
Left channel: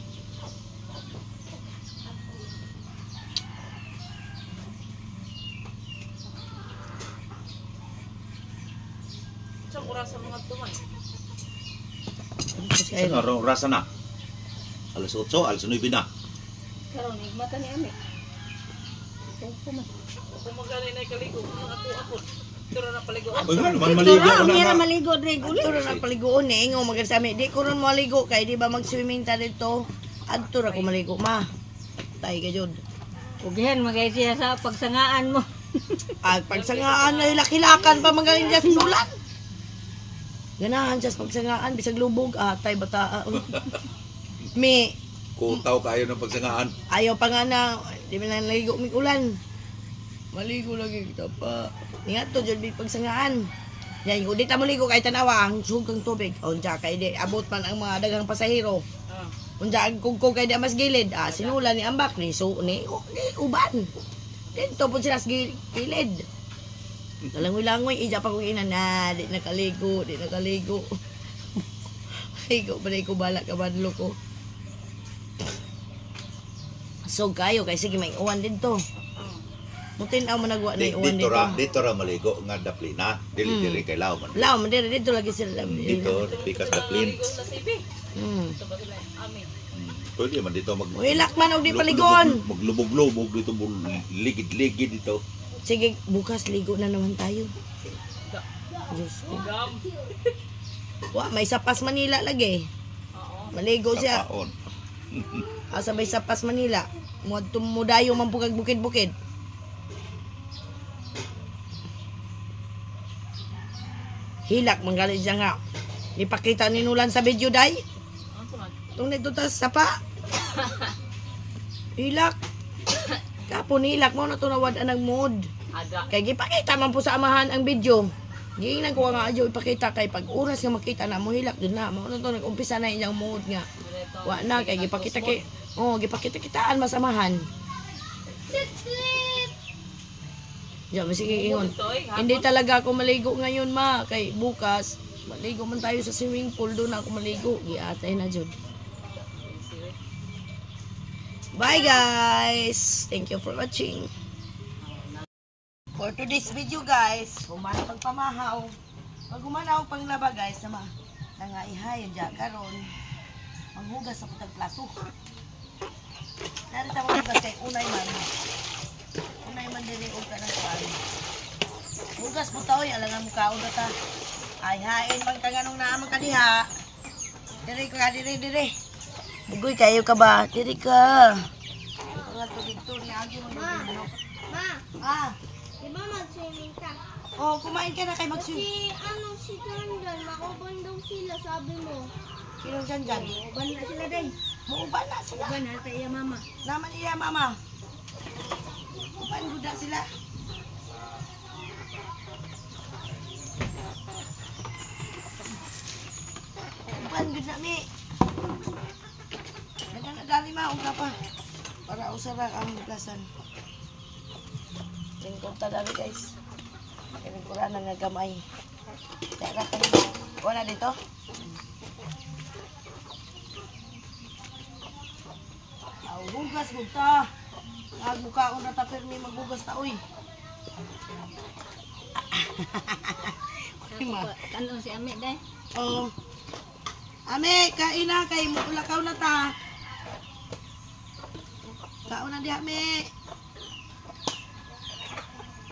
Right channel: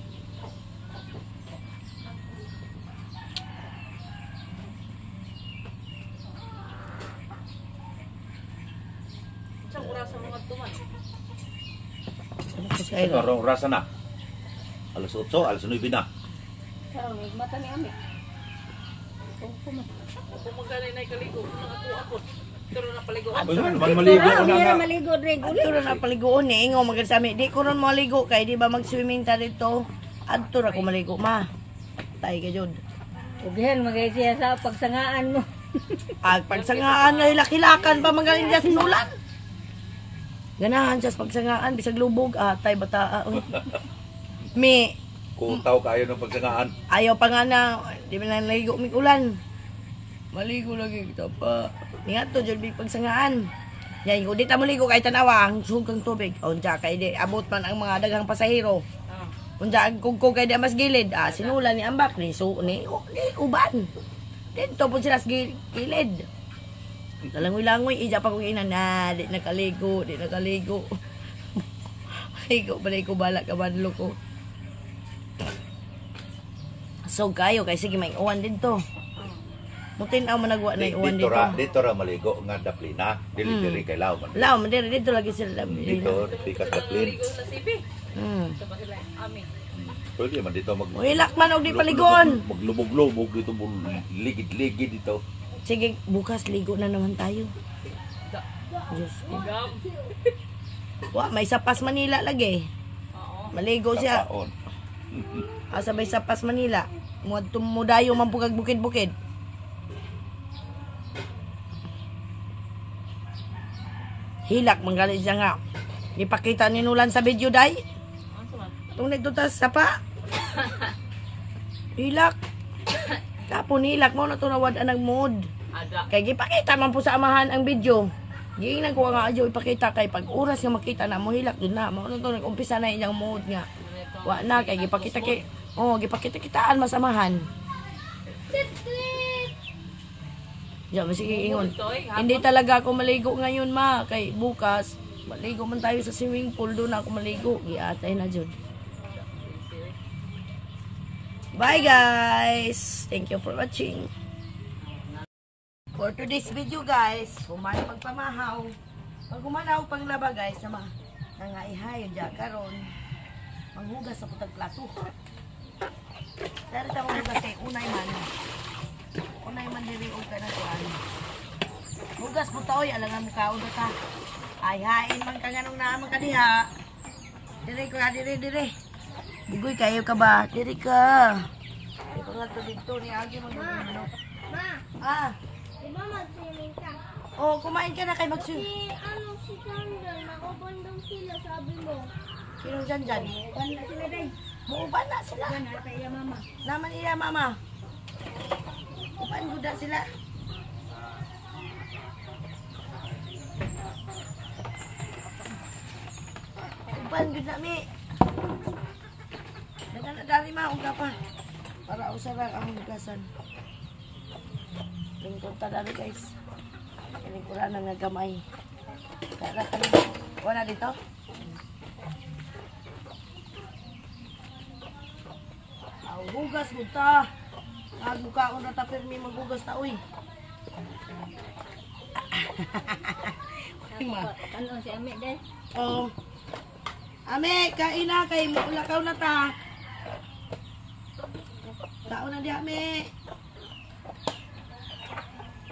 Sa oras sa mga tuman. Sa rasa na. Alas 8, alas 9 na. Karon mata ni ami. Ito po man. Kung magaling na ikaligo, kung ako. Pero na paligo. Ay, naman maligo Ito na ra nga. maligo regular. Adto ra na paligoon ni ingo magasami. Di ko ron maligo kay di ba mag-swimming ta dito. Adto ra ko maligo ma. Tay ka jud. Ugihan magay siya sa pagsangaan mo. Ag pagsangaan ay lakilakan pa magaling diya sinulan. Ganahan sa pagsangaan bisag lubog tay bata. Mi Kutaw kayo ng pagsangaan. ayaw pa nga na di man lang naligo mig ulan. Maligo lagi kita pa. Ingat to jud pagsangaan. Yan ko di ta maligo kay tanawa ang sugang tubig. Unja kay di abot man ang mga daghang pasahero. Unja ang kugkog kay di mas gilid. Sinulan ni ambak ni ni uban. Dito po sila sa gilid. Talangoy-langoy ija pa ko ina na di nakaligo, di nakaligo. Ligo balay ko bala ka badlo ko. So kayo kay sige may uwan dito. Mutin aw managwa na uwan dito. Dito ra maligo nga daplina. Dili kay law man. Law man dito lagi sila. Dito pikas daplin. Paligo sa sibi. Hmm. Ito ba sila? Amin. Pwede man dito Wilak man og di paligon. Maglubog-lubog dito, ligid-ligid dito. Sige, bukas ligo na naman tayo. Diyos ko. Gam. Wa, may sapas Manila lagi. Oo. Maligo siya. Kapaon. Sabay sapas Manila. Mudayo man pugag bukid-bukid. Hilak manggali siya nga. Ipakita ni Nulan sa video, day. Ano man? Itong nagtutas sa pa. Hilak. Kapon hilak mo na ito nawad ang mood. Ada. Kaya gipakita man po sa amahan ang video. Giingnan ko nga adyo ipakita kay pag oras nga makita na mo hilak din na. Mo to nag-umpisa na iyang mood nga. Wa na kay gipakita kay gipakita-kitaan masamahan. Ya, sige ingon. Hindi talaga ako maligo ngayon, ma. Kay bukas, maligo man tayo sa swimming pool. Doon ako maligo. Giatay na jud. Bye, guys. Thank you for watching. For today's video, guys, humay pagpamahaw. Pag humanaw panglaba, guys, sama nangaihay, dyan karon. Manghugas ako tag plato. Dari ta manghugas kay unay man. Unay man din yung ka na kuan. Hugas mo taoy, alangan mo kaon ta. Ay hain man ka nganong naamang kadiha. Dire. Bugoy kayo ka ba? Diri ka. Ito nga to dito ni agi magbubuno. Ma, Ah, di ba mag-swimming ka? oh, kumain ka na kay Magsu. Si Jordan, makubandong sila, sabi mo. Sino dyan? Uban na sila day. Muuban na sila. Uban na sa iya mama. Naman iya, mama. Uban guda sila. Uban guda mi. Nagana-dari maong ka pa. Para usara ang hugasan. Tingkod ta dali guys. Kinikuran na nga gamay. Kaya ka wala dito? Hugas mo ta. Magmukha ko na tapirmi maghugas ta, uy. Ano si Ami day? Oh. Ame, kain na kay mulakaw na ta. Kaon na di, Ame.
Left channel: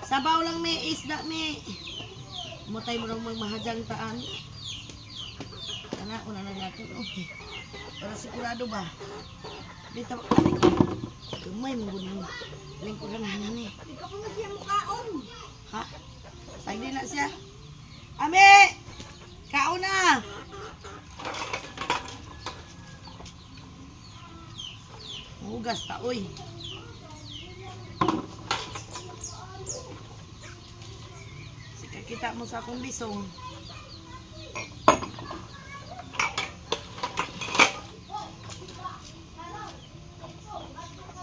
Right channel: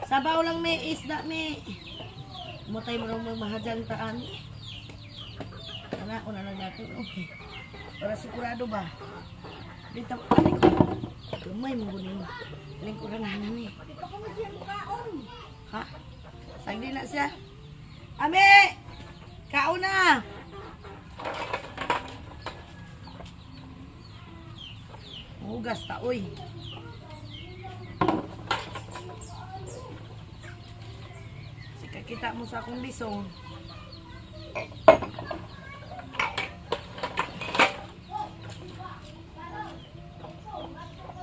Sabaw lang, me, isda, me. Mutay mo lang mahadang taan. Sana ako na naglatin, okay. Para sigurado ba? Dito, aray ko. Gamay mo gunin. Lingkuran na hanan eh. Di ka pa na siya mukaon. Ha? Sagdi na siya. Ame! Kaon na! Hugas ta, uy. Sika kita mo sa akong bisong.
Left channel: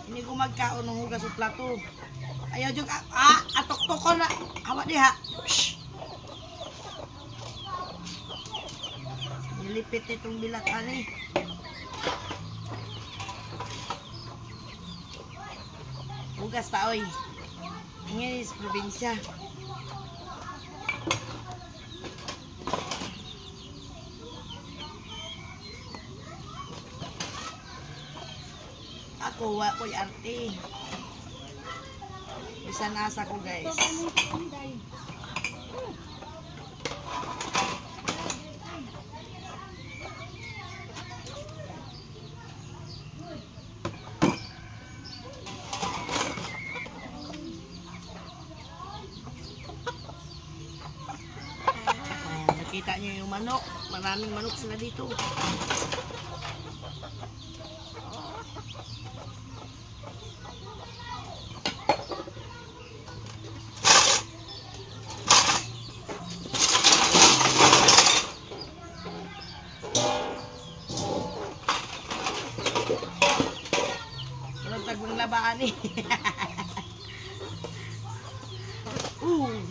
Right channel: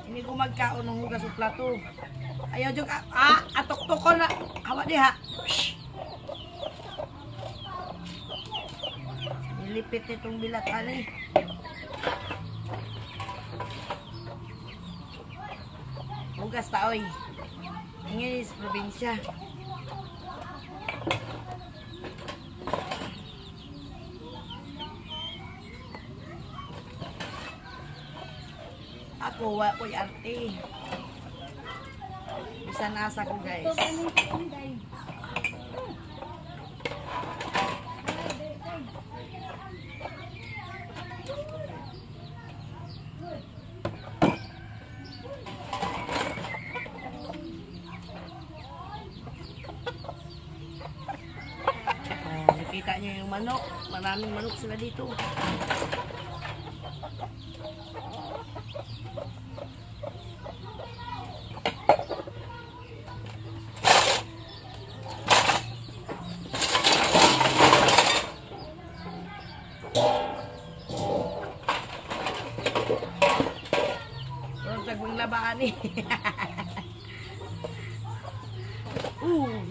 Ini ko magkaon ng hugas sa plato. Ayaw jug atok-tok ko na. Hawa di ha. Nilipit itong bilatan eh. Hugas ta oy. Ingin sa probinsya. Ako wa ko'y arte. Bisa nasa ko guys. Nakita niyo yung manok. Maraming manok sila dito. Labaan eh.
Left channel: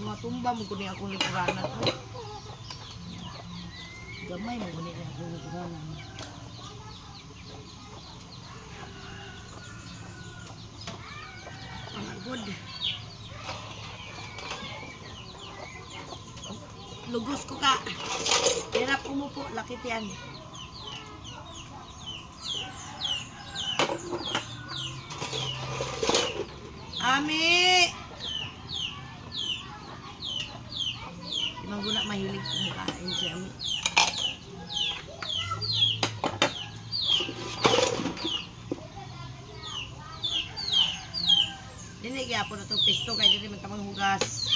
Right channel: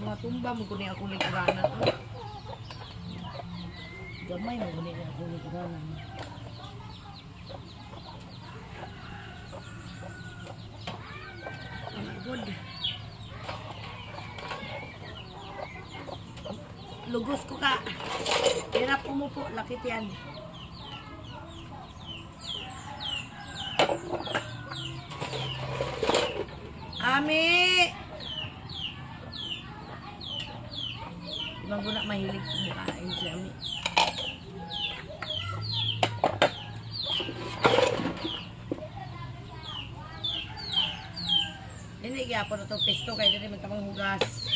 Mga tumba mo kunin ako lingkuranan. Gamay mo kunin ako lingkuranan. Oh my God. Lugos ko ka. Hirap umupo. Lakit yan. Ami! Ibang guna mahilig kumakain si Ami. Hindi kaya po na itong pesto kaya dito magkamang hugas.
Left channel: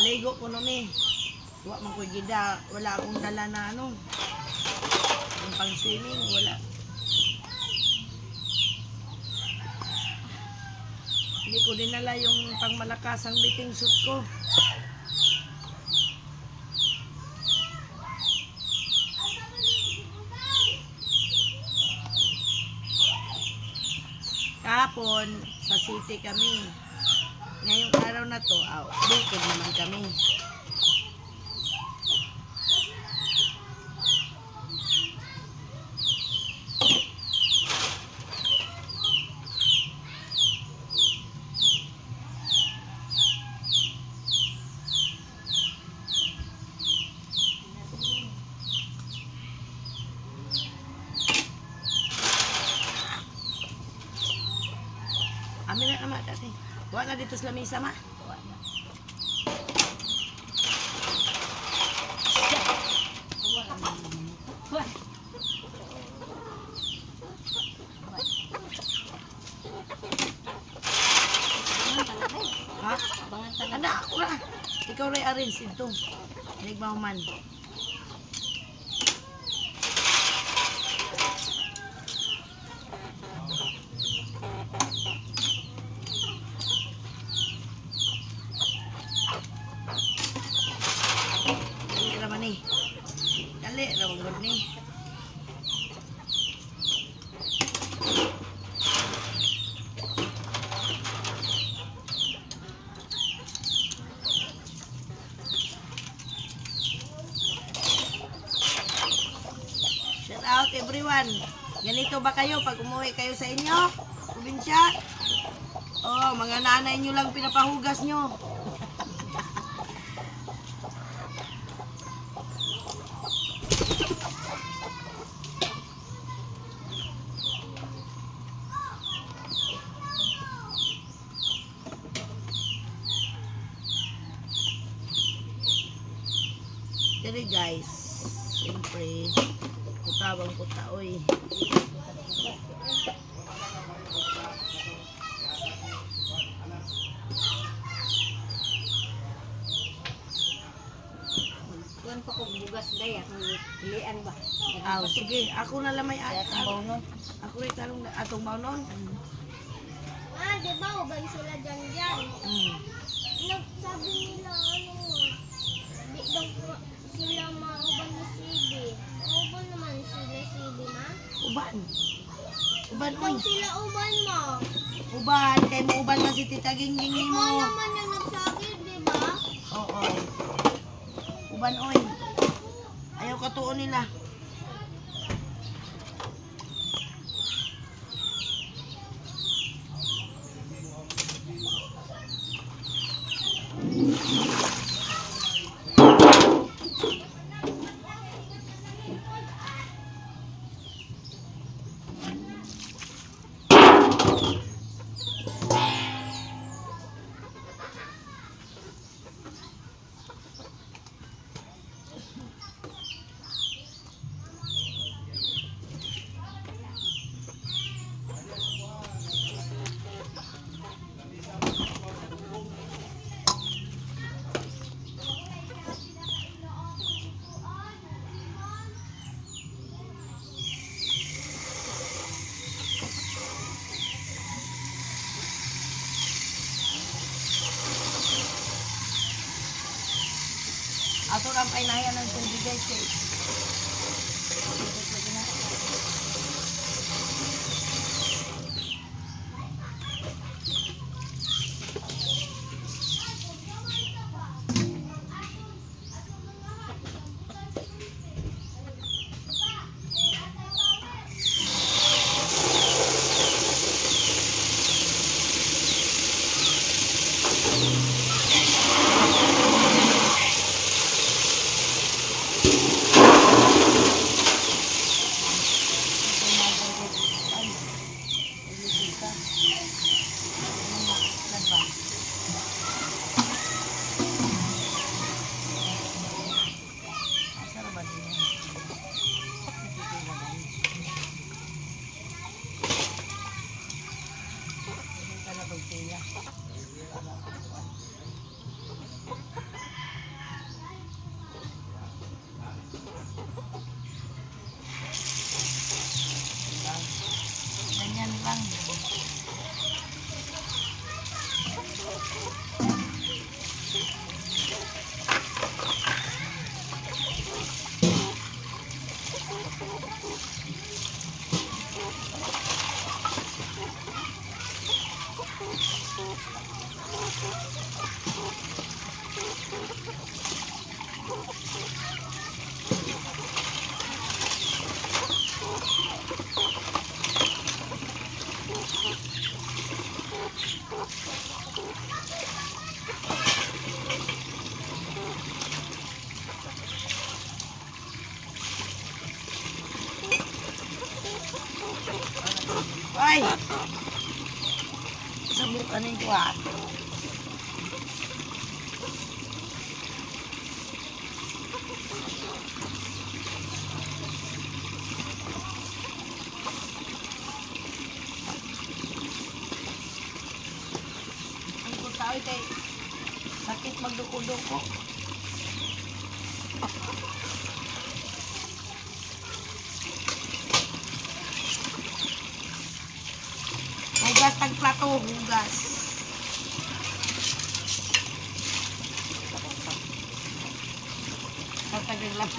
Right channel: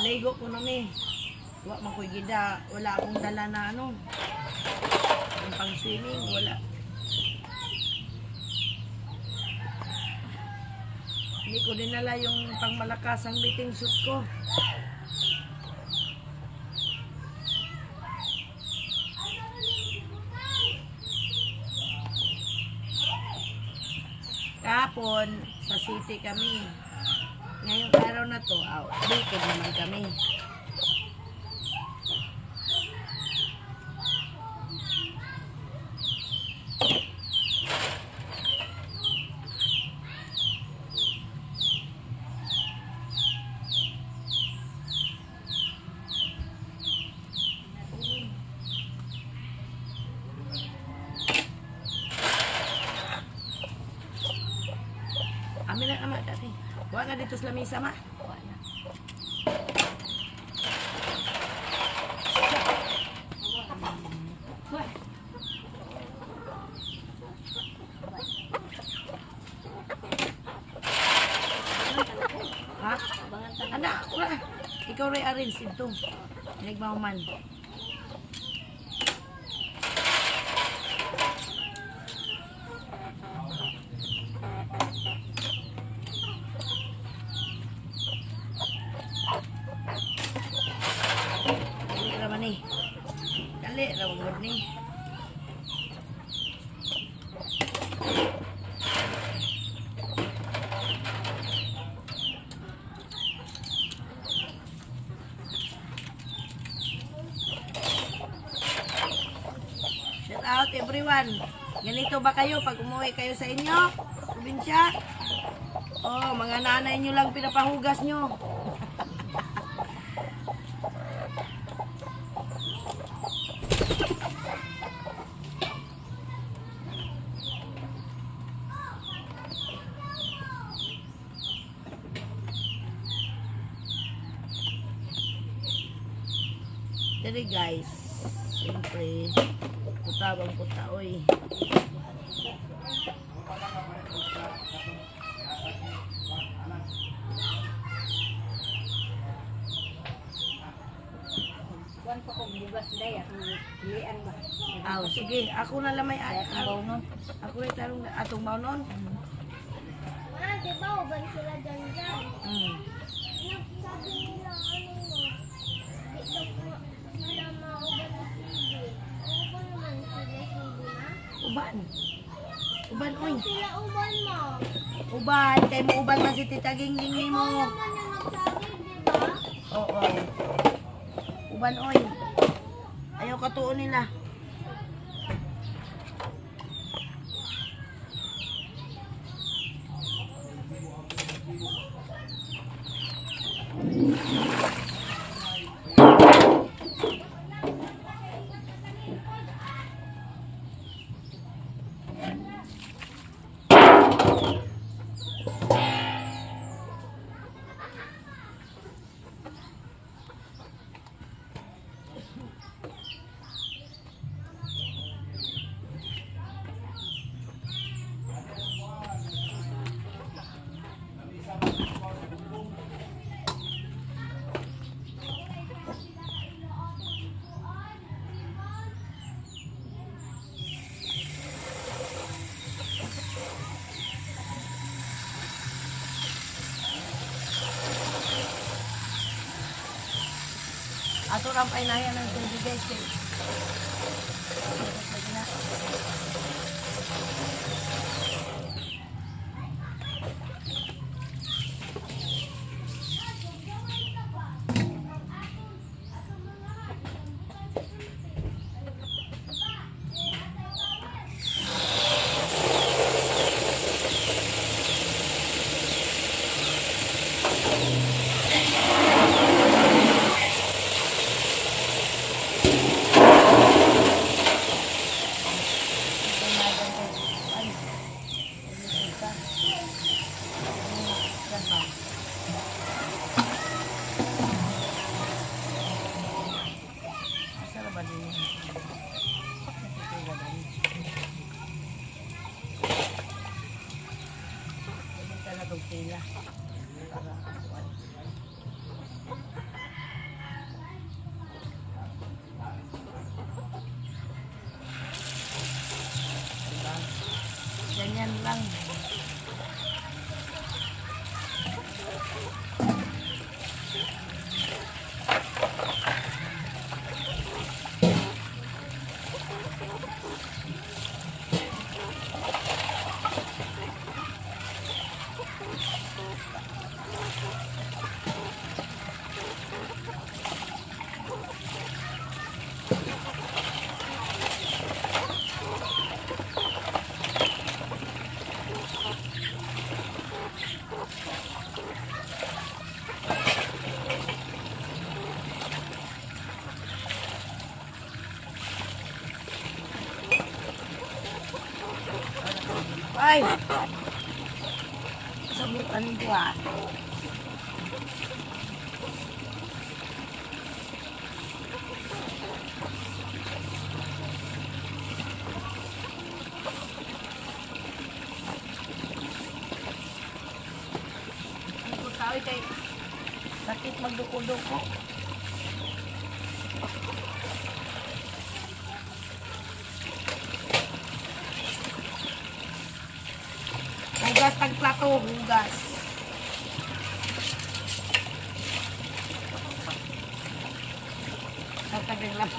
Maligo ko na mi. Wa man ko'y gida, wala akong dala na ano. Yung pang swimming, wala. Hindi ko dinala yung pang malakasang biting suit ko. Kahapon, sa city kami. Ngayong araw na to, bukid naman kami. Amin na naman dati. Wala na dito sa lamisa, ma. Wala. Ha? Anak, ako na. Ikaw rin arrange ito. Nagmauman. Dali, rawag ni. Shout out everyone. Ganito ba kayo pag umuwi kayo sa inyo? Probinsya? Oh, mga nanay nyo lang pinapahugas nyo. Dere guys, siyempre putabang puta oy. Gan pa ko bugas day pilian ba. Sige, ako na lang may ako rin tarong atong bawnon. Di ba uban sila dyan? Nagsabi nila di daw sila mauban ni Sibi. Uban naman sila Sibi, ma? Uban oy. Sila uban mo. Uban, kay mo uban man si Tita Gingging ni mo. Ikaw naman yung nagsabi, di ba? Oo. Uban oy. Ayaw katuon nila. Ato lang ay nahiya ng tubig guys eh. Ay! Sabot kanin ko ah. Ang ko tao kay sakit magduko-duko. Hugas tag plato, hugas. Tatagdag lang.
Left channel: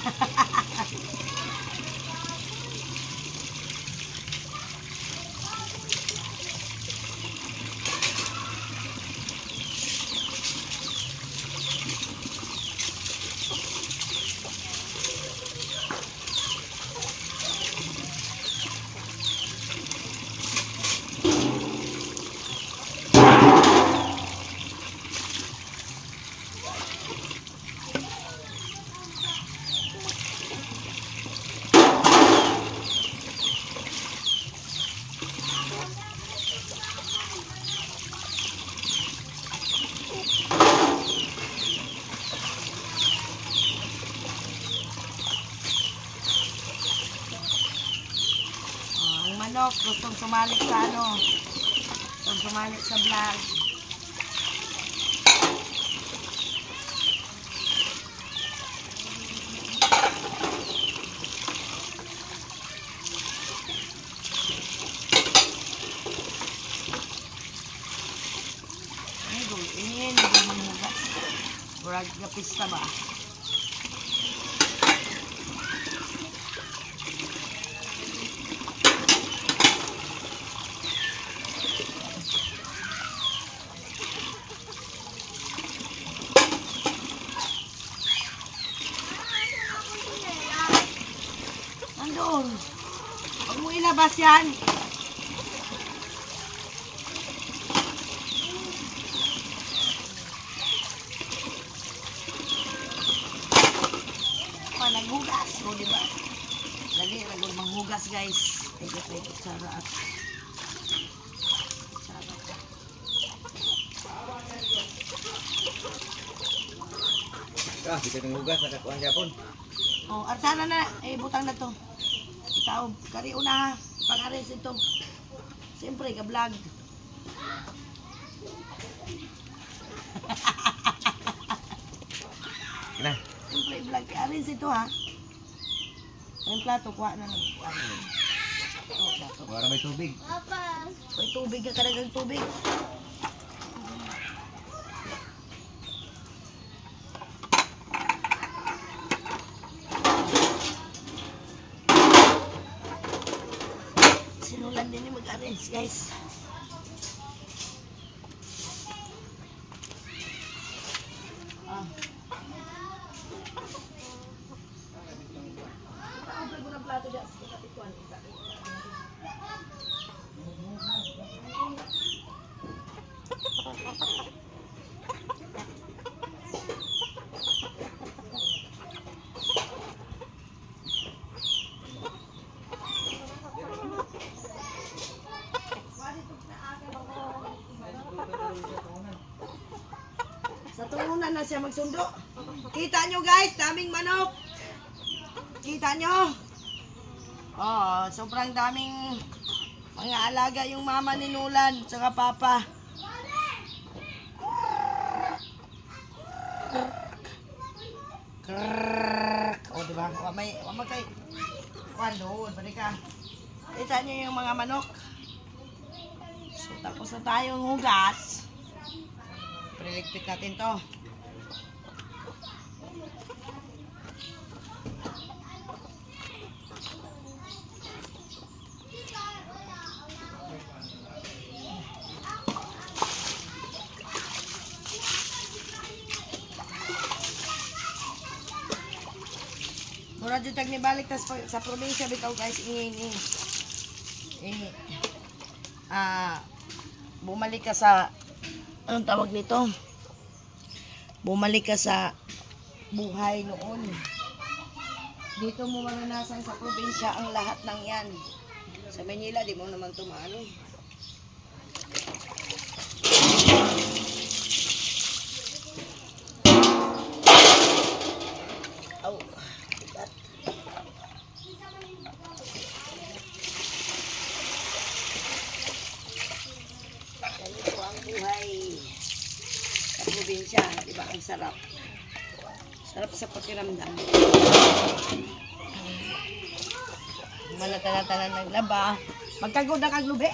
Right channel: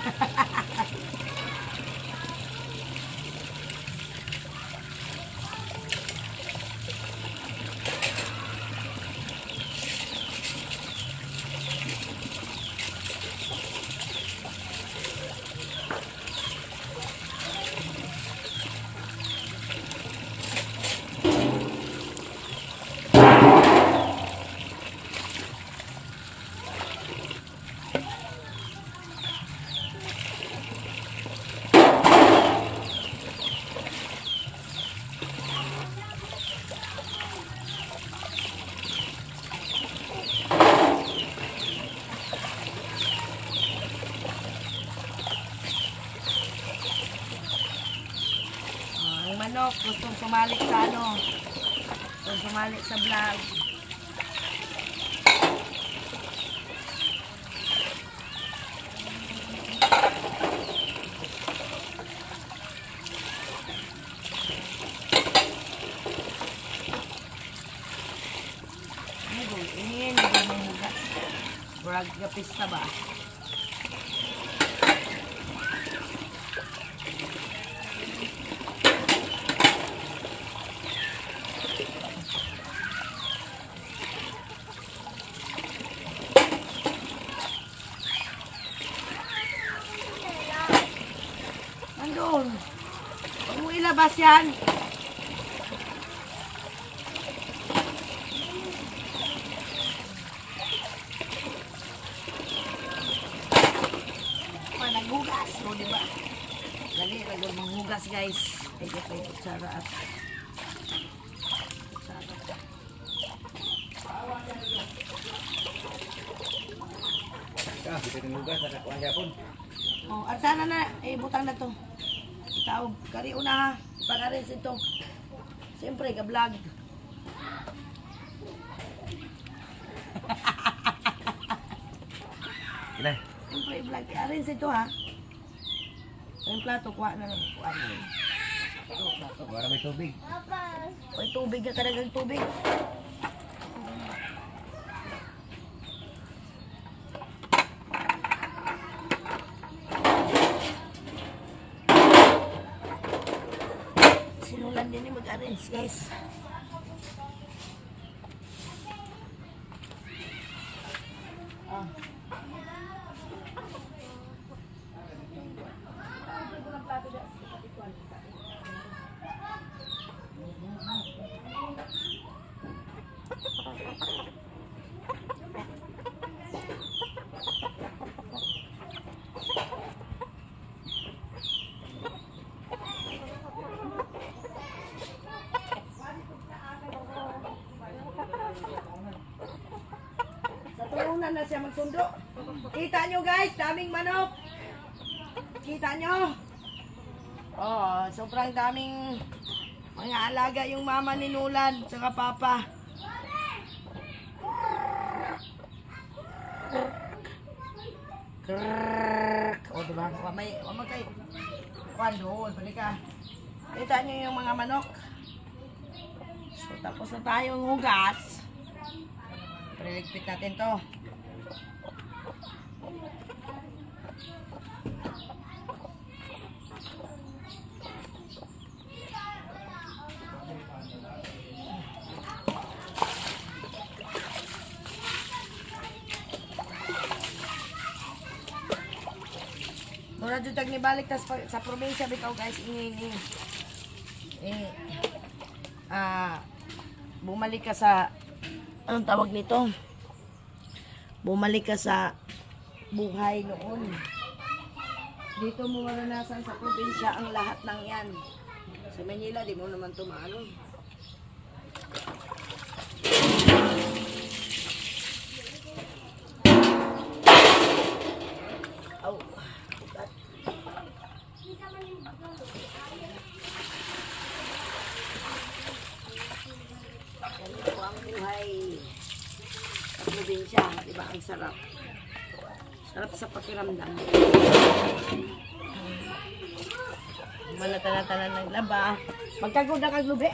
Manok, gustong sumalik sa ano, gustong sumalik sa vlog. Ini menghugas. Burag pista ba? Nandun. Huwag mo ilabas yan. Naghugas. O, diba? Dali, lagod manghugas, guys. Pwede, sarap. Kita ng hugas, nakakuha niya po. Oh, at sana na, butang na to. Itaog, kari una ha. Ipangaris ito. Siyempre, ka-vlog. Kina. Siyempre, i-vlog. I-arrange ito ha. Yung plato, kuha na lang. Kuha na lang. Ito, plato. Para may tubig. Papa. Oy, tubig ka kadagang tubig. Sinulan din yung mag-arrange, guys. Sa turunan na siya magsundo. Kita nyo guys, daming manok. Kita nyo. Oh, sobrang daming mga alaga yung mama ni Nulan saka papa. O diba? Wamay kay doon, pwede ka. Kita nyo yung mga manok. So tapos na tayong hugas. Liligpit natin to. Mura dyan tag nibalik tas sa probinsya bitaw guys ingin bumalik ka sa anong tawag nito? Bumalik ka sa buhay noon. Dito mo maranasan sa probinsya ang lahat ng yan. Sa Manila di mo naman tumaano. Oh. Ganito ang buhay sa probinsya, di ba? Ang sarap. Sarap sa pakiramdam. Manatala-tala ng laba. Magkagod na kaglubi.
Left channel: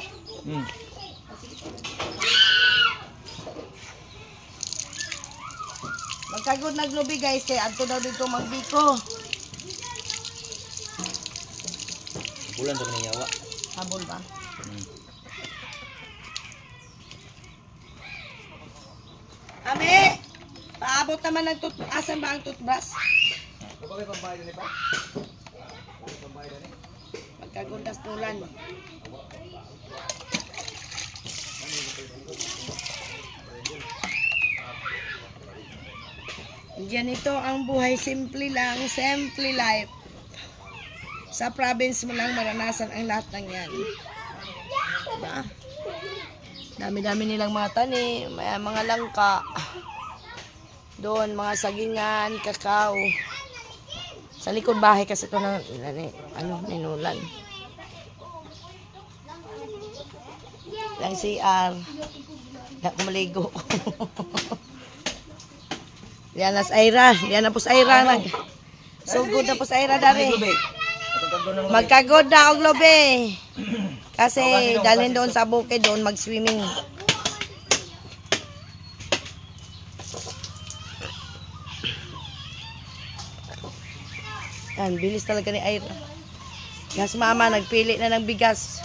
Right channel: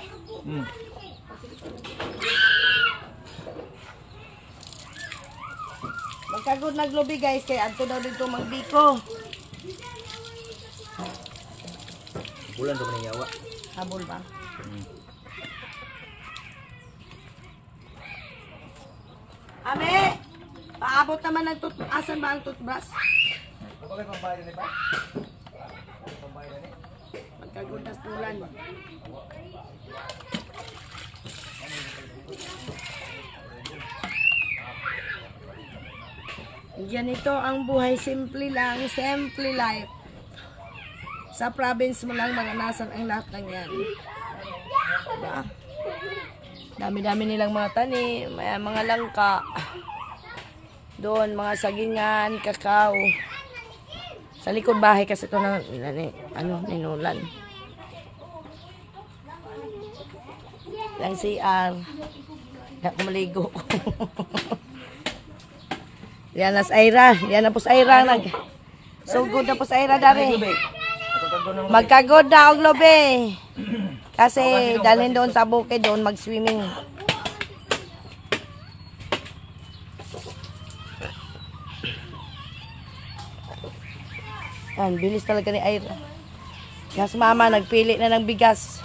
Magkagod na glubi guys, kaya adto daw dito magbiko. Bulan sa maningyawa. Habol ba? Ame! Paabot naman ng asan ba ang toothbrush? Magkagundas tulan. Ganito ang buhay, simple lang, simple life. Sa province mo lang maranasan ang lahat ng yan. Diba? Dami-dami nilang mga tanim, may mga langka. Doon, mga sagingan, kakao. Sa likod bahay kasi ito na, ninulan. Lang CR. Ako maligo. Yan na sa Aira. Yan na po sa Aira. Sugod na po sa Aira dari. Magkagod na ang lobe. Kasi dalhin doon sa bukid doon mag-swimming. Yan, bilis talaga ni Aira. Kaya si mama nagpili na ng bigas.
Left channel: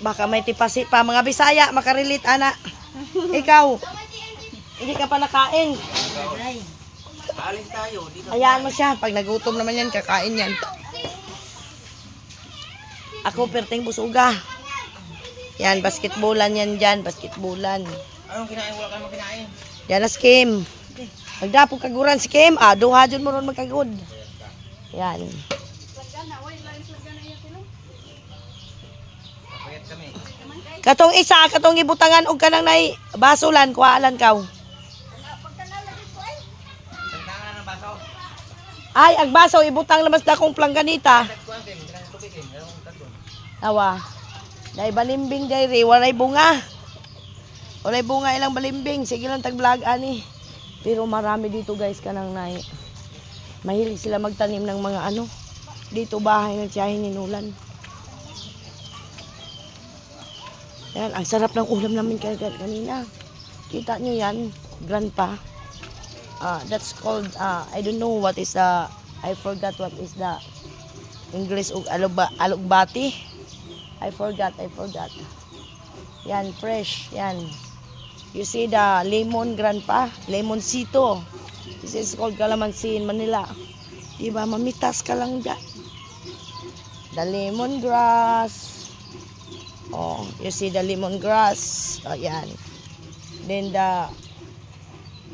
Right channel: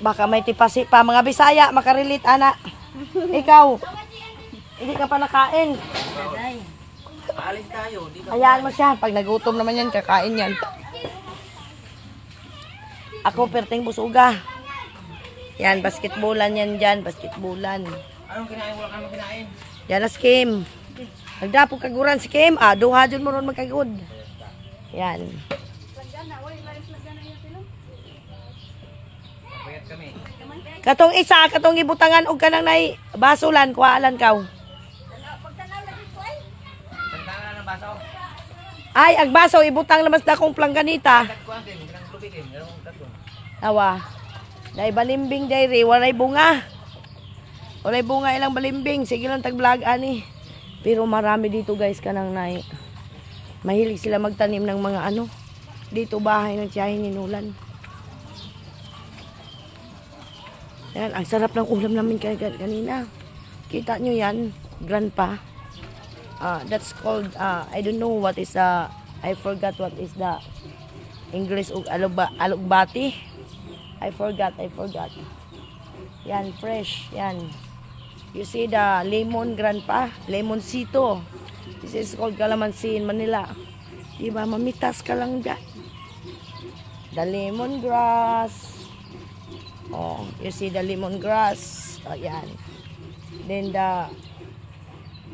Baka may tipasi pa. Mga Bisaya, makarelate anak. Ikaw, hindi ka pa nakain. Alis tayo. Hayaan mo siya. Pag nagutom naman yan, kakain yan. Ako, perting busuga. Yan, basketballan yan dyan. Basketballan. Anong kinain? Wala ka naman kinain. Yan na skim. Nagdapog kaguran si Kim. Duha dyan mo ron magkagod. Yan. Katong isa, katong ibutangan og kanang nay basulan, kuhaan kaw. Ay, ag baso ibutang lamas dakong plangganita. Awa. Dai balimbing dai walay bunga. Walay bunga ilang balimbing. Sige lang tag-vlog ani. Pero marami dito guys kanang nay. Mahilig sila magtanim ng mga ano. Dito bahay ng tiyahin ni Nulan. Yan, ang sarap ng ulam namin kanina. Kita nyo yan, grandpa. That's called, I don't know what is the, I forgot what is the English of alugbati. I forgot. Yan, fresh, yan. You see the lemon, grandpa? Lemoncito. This is called calamansi in Manila. Diba, mamitas ka lang dyan. The lemongrass. Oh, you see the lemongrass. Oh, yan. Then the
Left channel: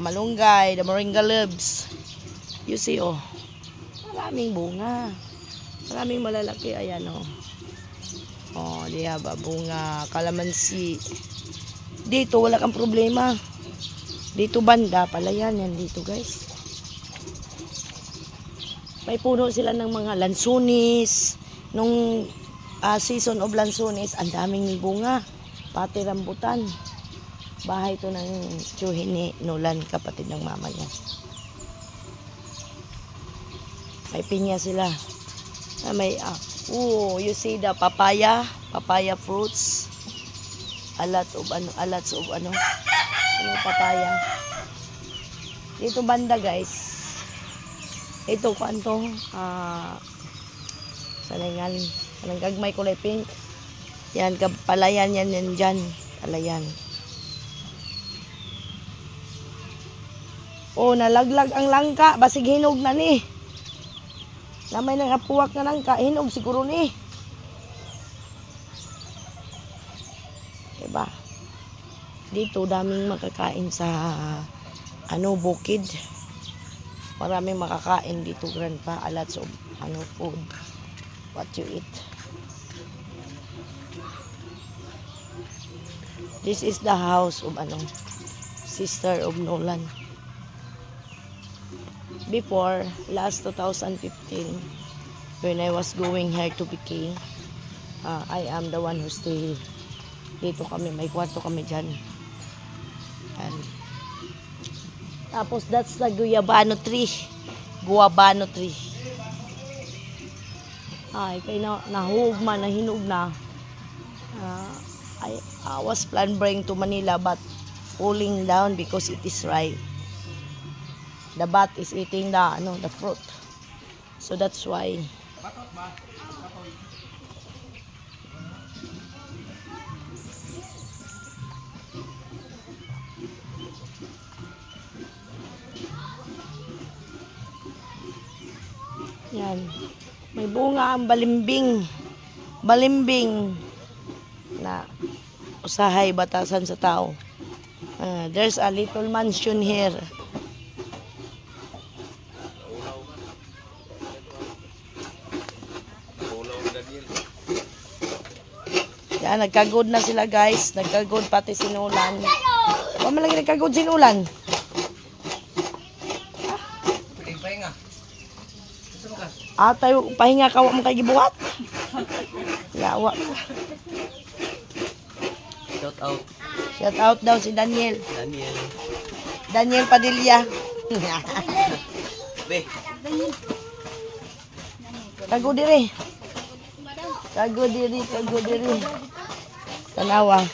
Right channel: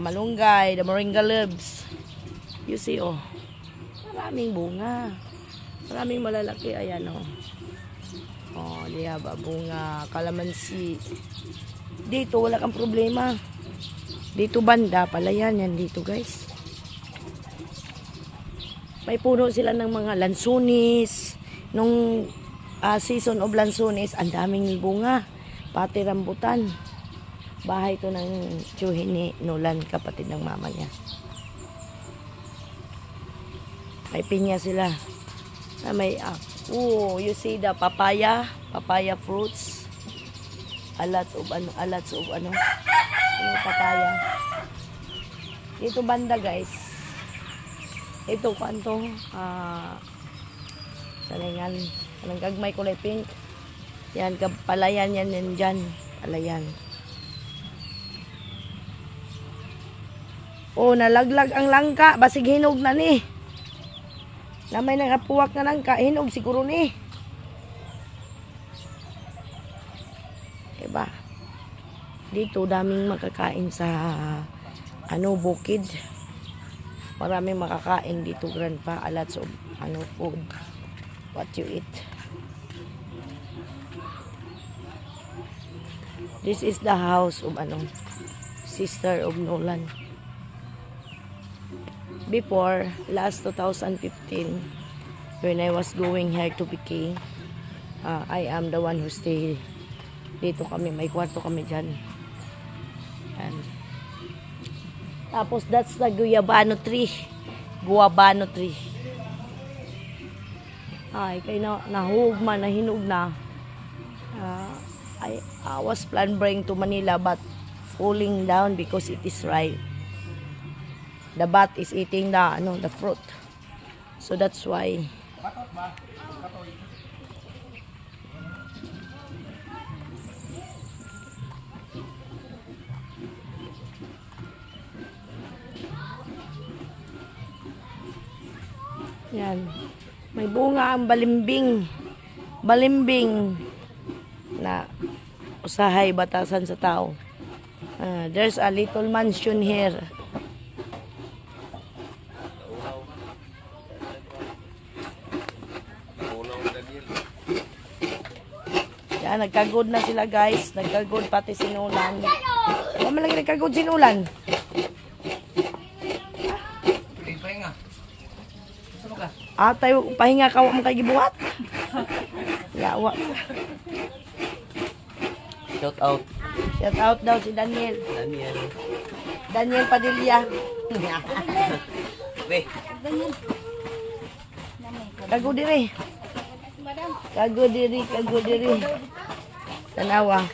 malunggay, the moringa leaves. You see, oh. Maraming bunga. Maraming malalaki. Ayan, oh. Oh, diya ba, bunga, kalamansi. Dito, wala kang problema. Dito, banda pala yan. Yan dito, guys. May puno sila ng mga lansunis. Nung season of lansunis, ang daming bunga. Pati rambutan. Bahay to ng tiyuhin ni Nulan, kapatid ng mama niya. May pinya sila. May, you see the papaya fruits. A lots of ano. May papaya. Dito banda guys. Ito kanto. Salingan. Anong gagmay kulay pink. Yan, palayan yan dyan. Palayan. Oh, nalaglag ang langka. Basig hinog na ni. Namay nang apuwak na langka. Hinog siguro ni. Diba? Dito daming makakain sa bukid. Maraming makakain dito, grandpa. A lots of food. What you eat. This is the house of sister of Nolan. Before, last 2015, when I was going here to PK, I am the one who stayed. Dito kami, may kwarto kami dyan. And, tapos, that's the guayabano tree. Guayabano tree. Ay, kaya nahugma, nahinog na. I was planning bring to Manila but falling down because it is ripe. The bat is eating the fruit. So that's why. Yan. May bunga ang balimbing. Balimbing na usahay batasan sa tao. There's a little mansion here. Yan, nagkagod na sila guys. Nagkagod pati si Nolan. Huwag mo lagi nagkagod si Nolan. Atay, pahinga ka, huwag mo kagibuhat. Yawa. Shout out. Shout out daw si Daniel. Daniel Padilla. Be. Kago diri. Kago diri. Tanawa.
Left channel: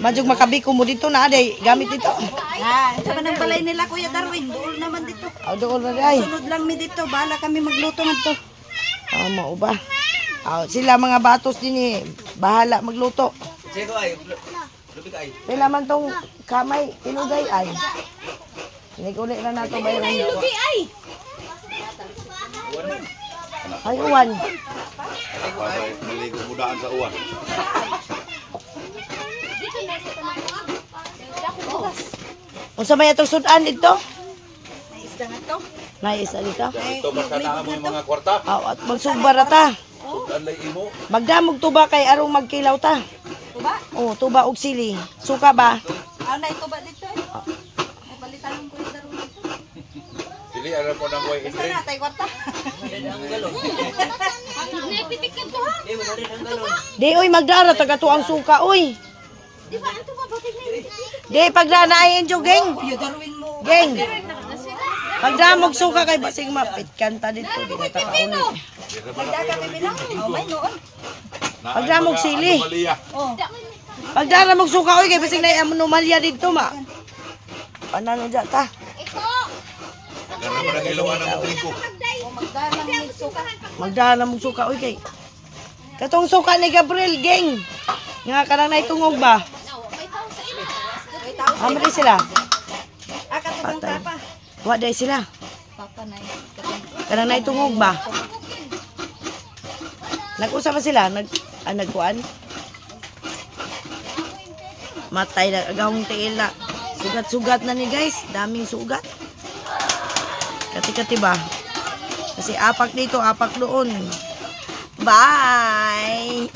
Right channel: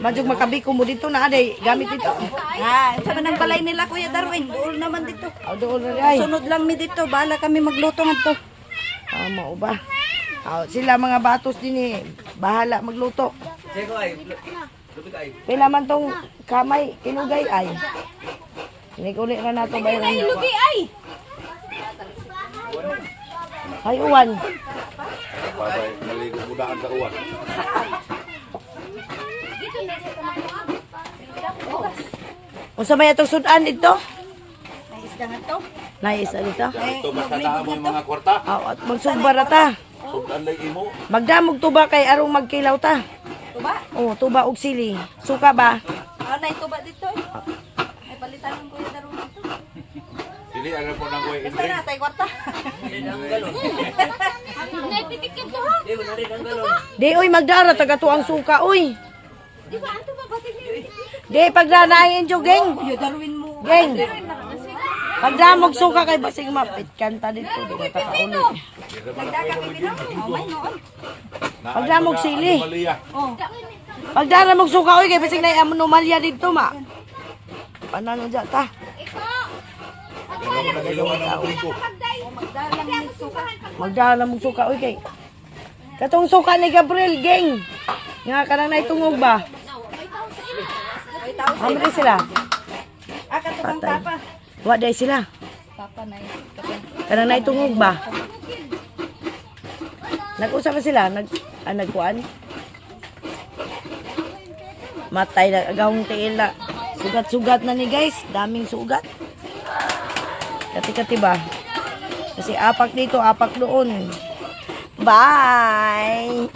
Majug makabiko mo dito na aday gamit dito. Ito man ang balay nila Kuya Darwin. Dool naman dito. Dool na ay. Sunod lang mi dito. Bahala kami magluto ngadto. Mao ba? Sila mga batos din bahala magluto. Sino ay? Lubi ay. Pila man tong kamay tinugay ay. Uli ra nato bayaran. Lubi ay. Ay uwan. Babay, maligo mudaan sa uwan. Unsa may atong sudan dito? Naisda nga to. Naisa dito. Ito magkatama mo mga kwarta. At magsugbar ta. Sudan lay imo. Magdamog tuba kay arong magkilaw ta. Tuba? Oh, tuba og sili. Suka ba? Na ituba dito. Ay palitan ng Kuya Darwin dito. Dili ara po nang way Basta na tay kwarta. Naipitikin to ha. Di mo na rin ang galon. Di oy magdara taga tuang suka oy. Di ba anto ba batid na yun? Di pagdanain jo geng. Kuya Darwin mo. Geng. Pagdamog suka kay basig mapit kanta dito di na ta kauli. Nagdaga kami bilang. May noon. Pagdamog sili. Oh. Pagdamog suka oy kay basig na anomalya dito ma. Panano ja ta? Ano mo nagilawan ang trigo. Magdalang ni suka. Magdamog suka oy kay. Katong suka ni Gabriel geng. Nga kanang naitungog ba? Amri sila. Katubang Patay. papa. Wa day sila. Papa na yun. Kanang naitungog ba? Nag-usap ba sila? Nagkuan? Matay na agawang tiil na. Sugat-sugat na ni guys. Daming sugat. Kati-kati ba? Kasi apak dito, apak doon. Bye!